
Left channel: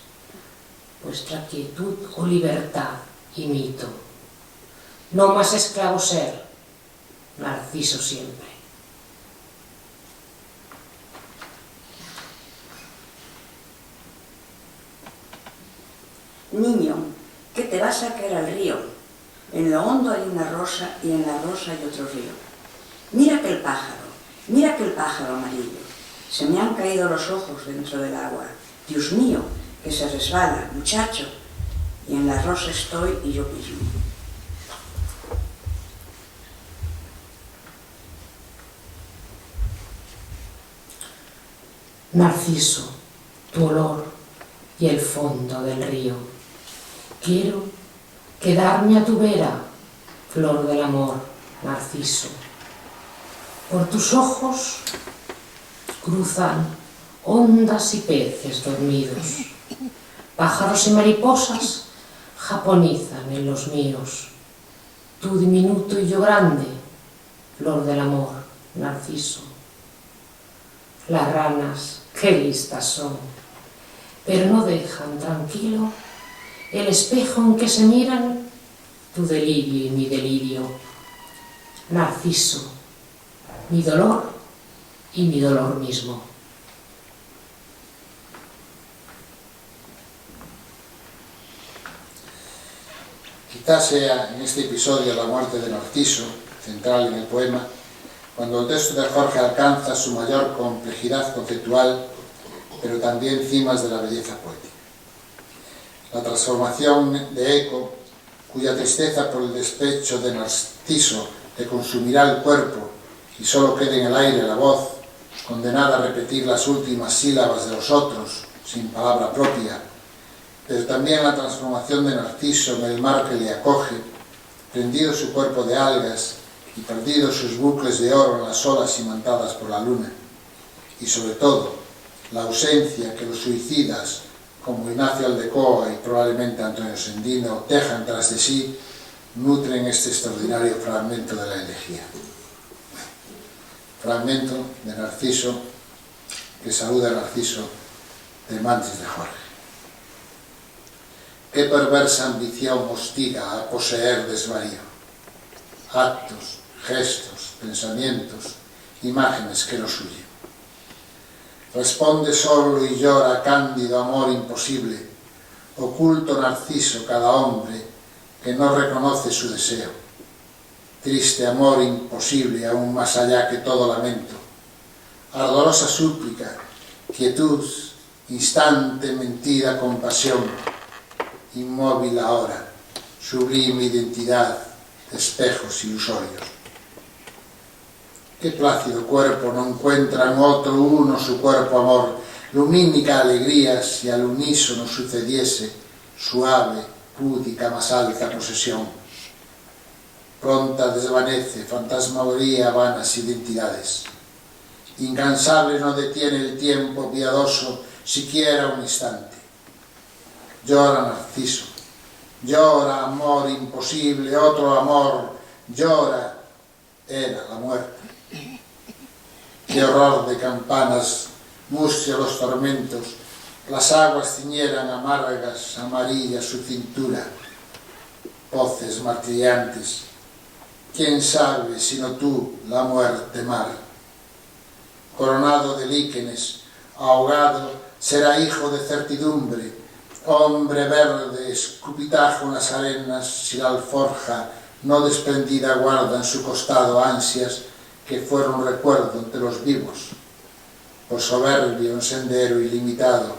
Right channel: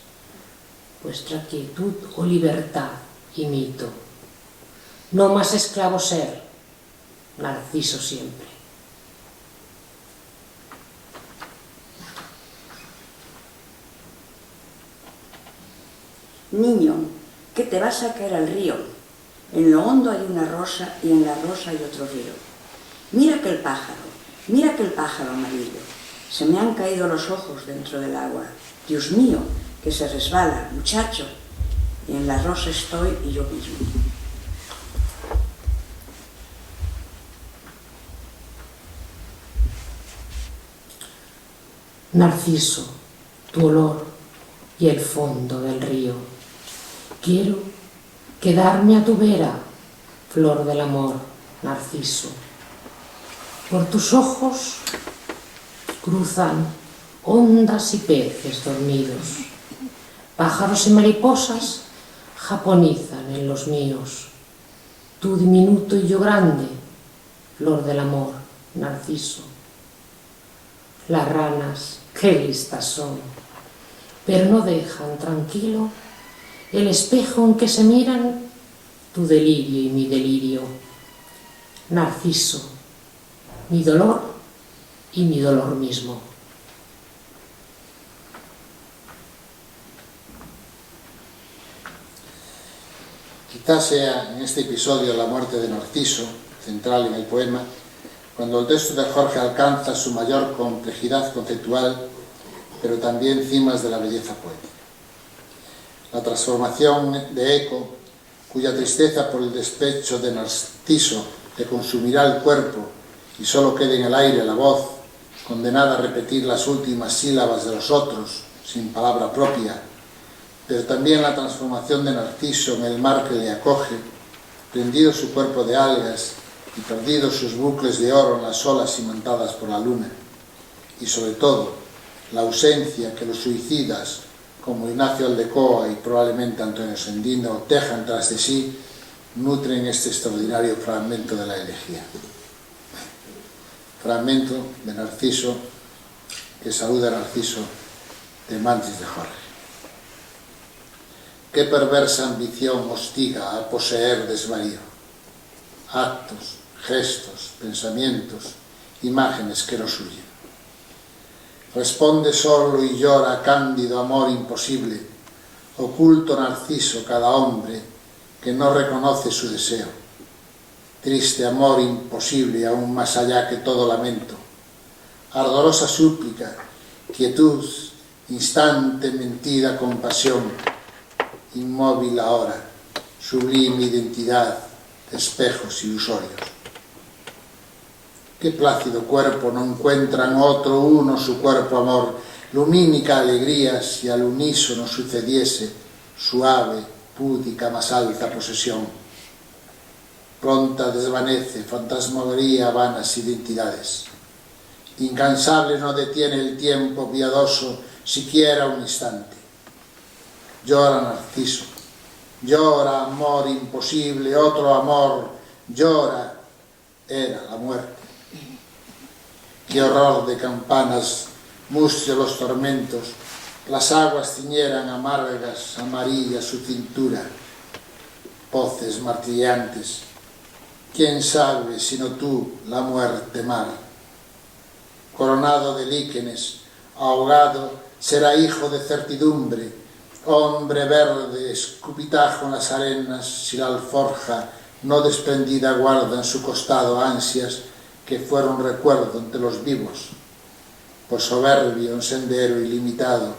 vuestra quietud o libertad imito. No más esclavo ser, Narciso siempre. Niño, que te vas a caer al río. En lo hondo hay una rosa y en la rosa hay otro río. Mira aquel pájaro amarillo. Se me han caído los ojos dentro del agua. Dios mío, que se resbala, muchacho. Y en la rosa estoy y yo mismo. Narciso, tu olor y el fondo del río. Quiero quedarme a tu vera, flor del amor, Narciso. Por tus ojos cruzan ondas y peces dormidos. Pájaros y mariposas japonizan en los míos. Tú diminuto y yo grande, flor del amor, Narciso. Las ranas, qué listas son, pero no dejan tranquilo el espejo en que se miran tu delirio y mi delirio. Narciso, mi dolor y mi dolor mismo. Quizás sea en este episodio la muerte de Narciso, central en el poema, cuando el texto de Jorge alcanza su mayor complejidad conceptual, pero también cimas de la belleza poética. La transformación de Eco, cuya tristeza por el despecho de Narciso le consumirá el cuerpo y solo quede en el aire la voz, condenada a repetir las últimas sílabas de los otros, sin palabra propia, pero también la transformación de Narciso en el mar que le acoge, prendido su cuerpo de algas y perdidos sus bucles de oro en las olas imantadas por la luna, y sobre todo la ausencia que los suicidas como Ignacio Aldecoa y probablemente Antonio Sendino dejan tras de sí, nutren este extraordinario fragmento de la elegía. Fragmento de Narciso que saluda a Narciso de Mantis de Jorge. Qué perversa ambición hostiga a poseer desvarío. Actos, gestos, pensamientos, imágenes que los huyen. Responde solo y llora cándido amor imposible, oculto Narciso cada hombre que no reconoce su deseo. Triste amor imposible aún más allá que todo lamento. Ardorosa súplica, quietud, instante mentida compasión. Inmóvil ahora, sublime identidad de espejos ilusorios. Qué plácido cuerpo no encuentra en otro uno su cuerpo amor, lumínica alegría si al unísono sucediese suave, púdica, más alta posesión. Pronta desvanece, fantasmagoría vanas identidades. Incansable no detiene el tiempo piadoso siquiera un instante. Llora Narciso, llora amor imposible, otro amor, llora, era la muerte. Qué horror de campanas, mustio los tormentos, las aguas ciñeran amargas, amarillas su cintura, voces martillantes. ¿Quién sabe sino tú la muerte mar? Coronado de líquenes, ahogado, será hijo de certidumbre, hombre verde, escupitajo en las arenas, si la alforja no desprendida guarda en su costado ansias que fueron recuerdo entre los vivos, por soberbio en sendero ilimitado.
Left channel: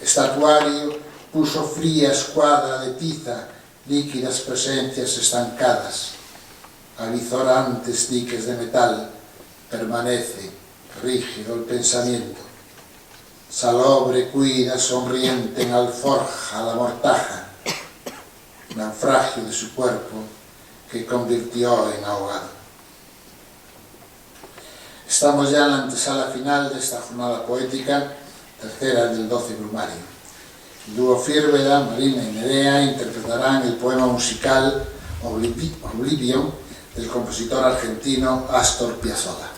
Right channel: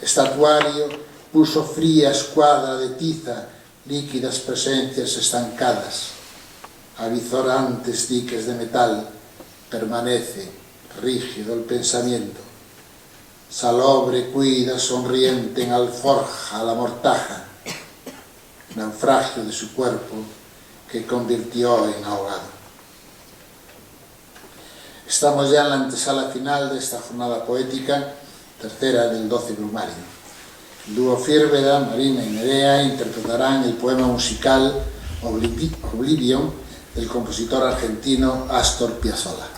Estatuario puso fría escuadra de tiza, líquidas presencias estancadas. Avizorantes diques de metal, permanece rígido el pensamiento. Salobre cuida sonriente en alforja la mortaja, naufragio de su cuerpo que convirtió en ahogado. Estamos ya en la antesala final de esta jornada poética, tercera del 12 Brumario. El dúo Firveda, Marina y Nerea interpretarán el poema musical Oblivion del compositor argentino Astor Piazzolla.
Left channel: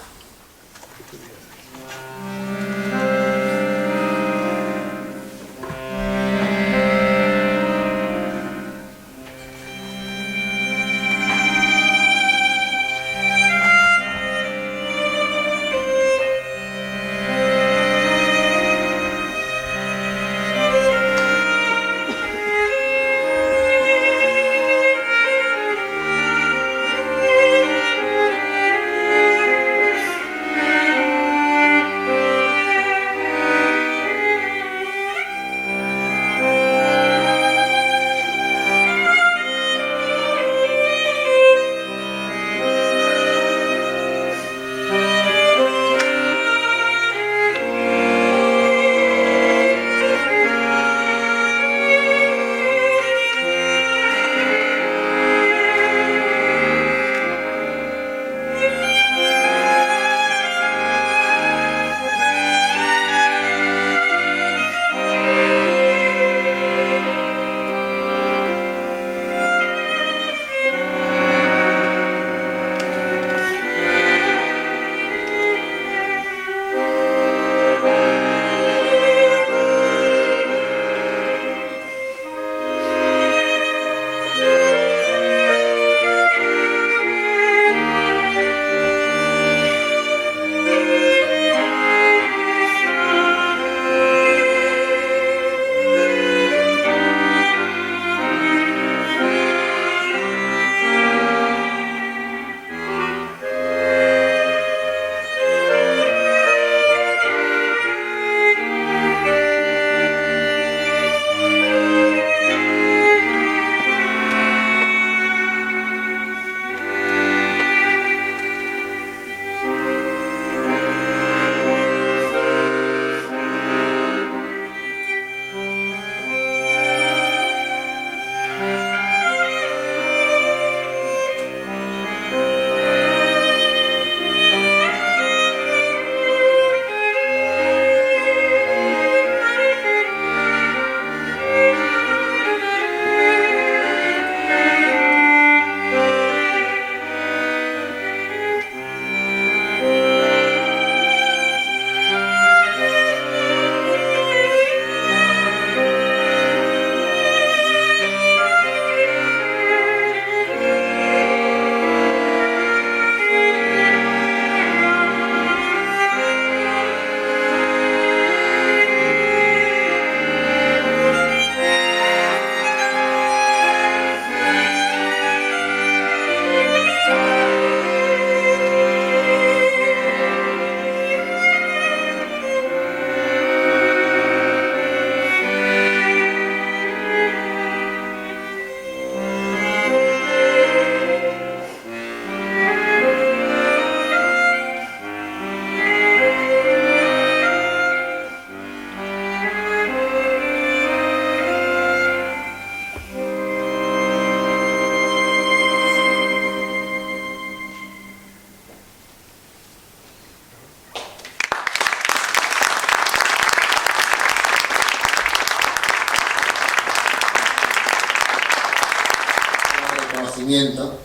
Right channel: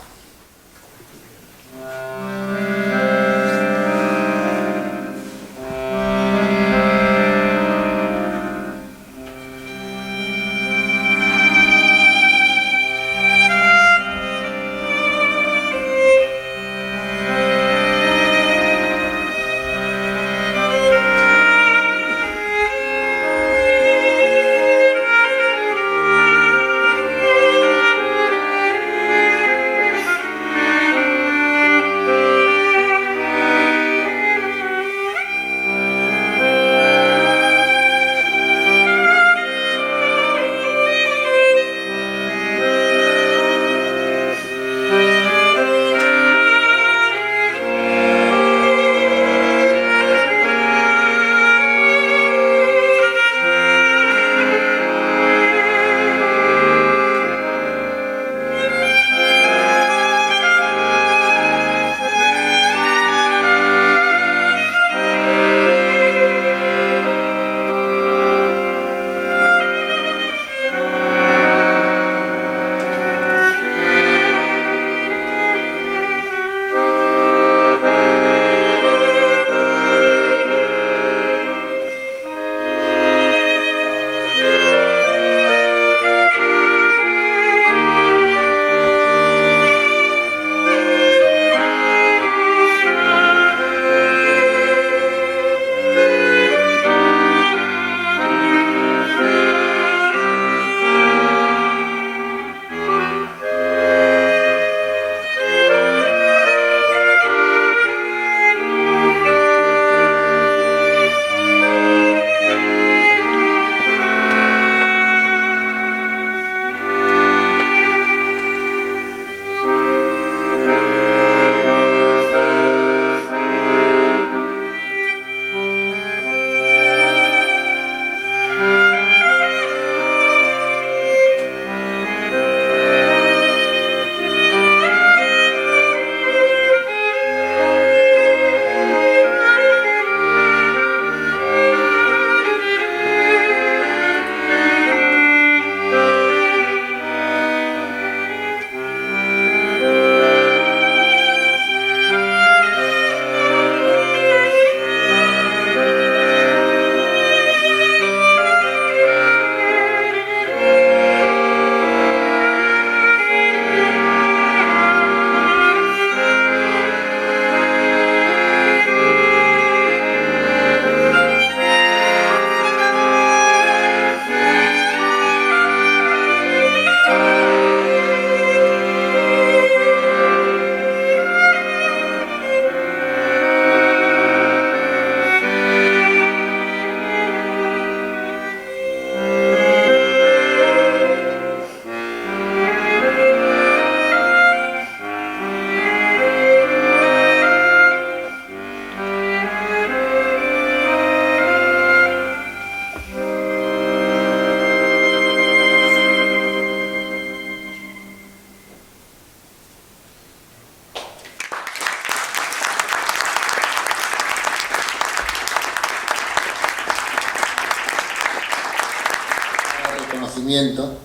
conocimiento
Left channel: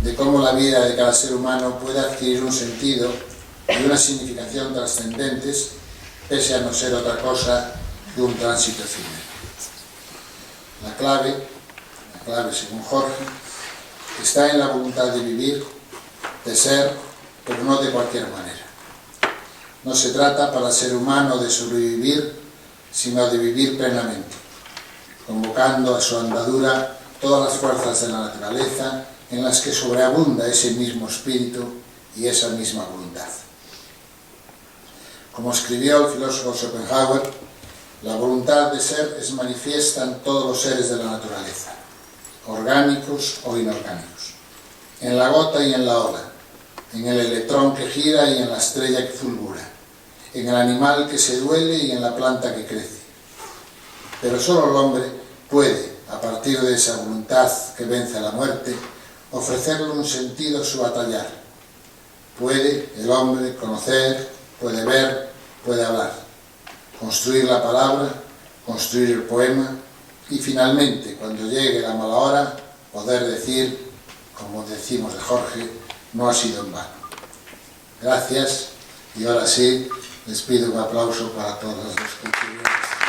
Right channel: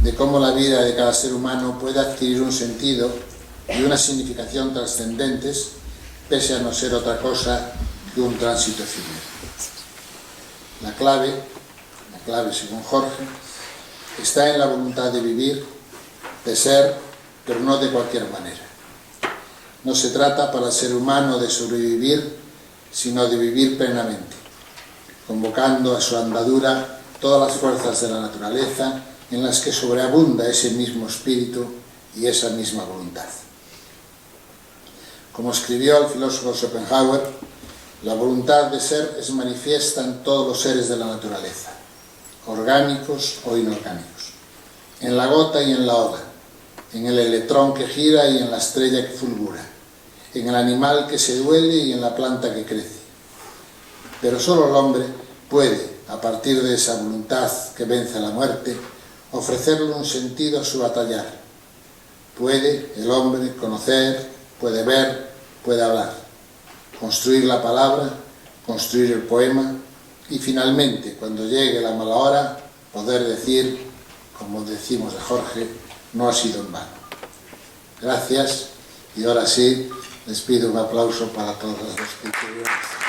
de cómo la vida de cada ser humano puede adquirir un sentido y una significación trascendentes, pese a no ser otra cosa que un tránsito efímero. La clave según Jorge, está en la voluntad de vivir, de ser, pero no de cualquier manera. No se trata para el ser humano de sobrevivir, sino de vivir plenamente, convocando a su andadura todas las fuerzas de la naturaleza en las que sobreabunda ese mismo espíritu y esa misma voluntad. Como escribió el filósofo Schopenhauer, la voluntad de ser es manifiesta en todos los seres de la naturaleza, orgánicos o inorgánicos, en la gota y en la ola, en el electrón que gira y en la estrella que fulgura, en el animal que se duele y en la planta que crece. Pero solo el hombre puede, a partir de esa voluntad que vence a la muerte, ofrecerle un sentido a su batallar. Puede el hombre conocer, puede ver, puede hablar, construir la palabra, construir el poema y finalmente, cuando llegue la mala hora, poder decir, como decimos de Jorge, no ha sido en vano. Gracias y ahora sí, les pido un aplauso para todos los que estuvieron.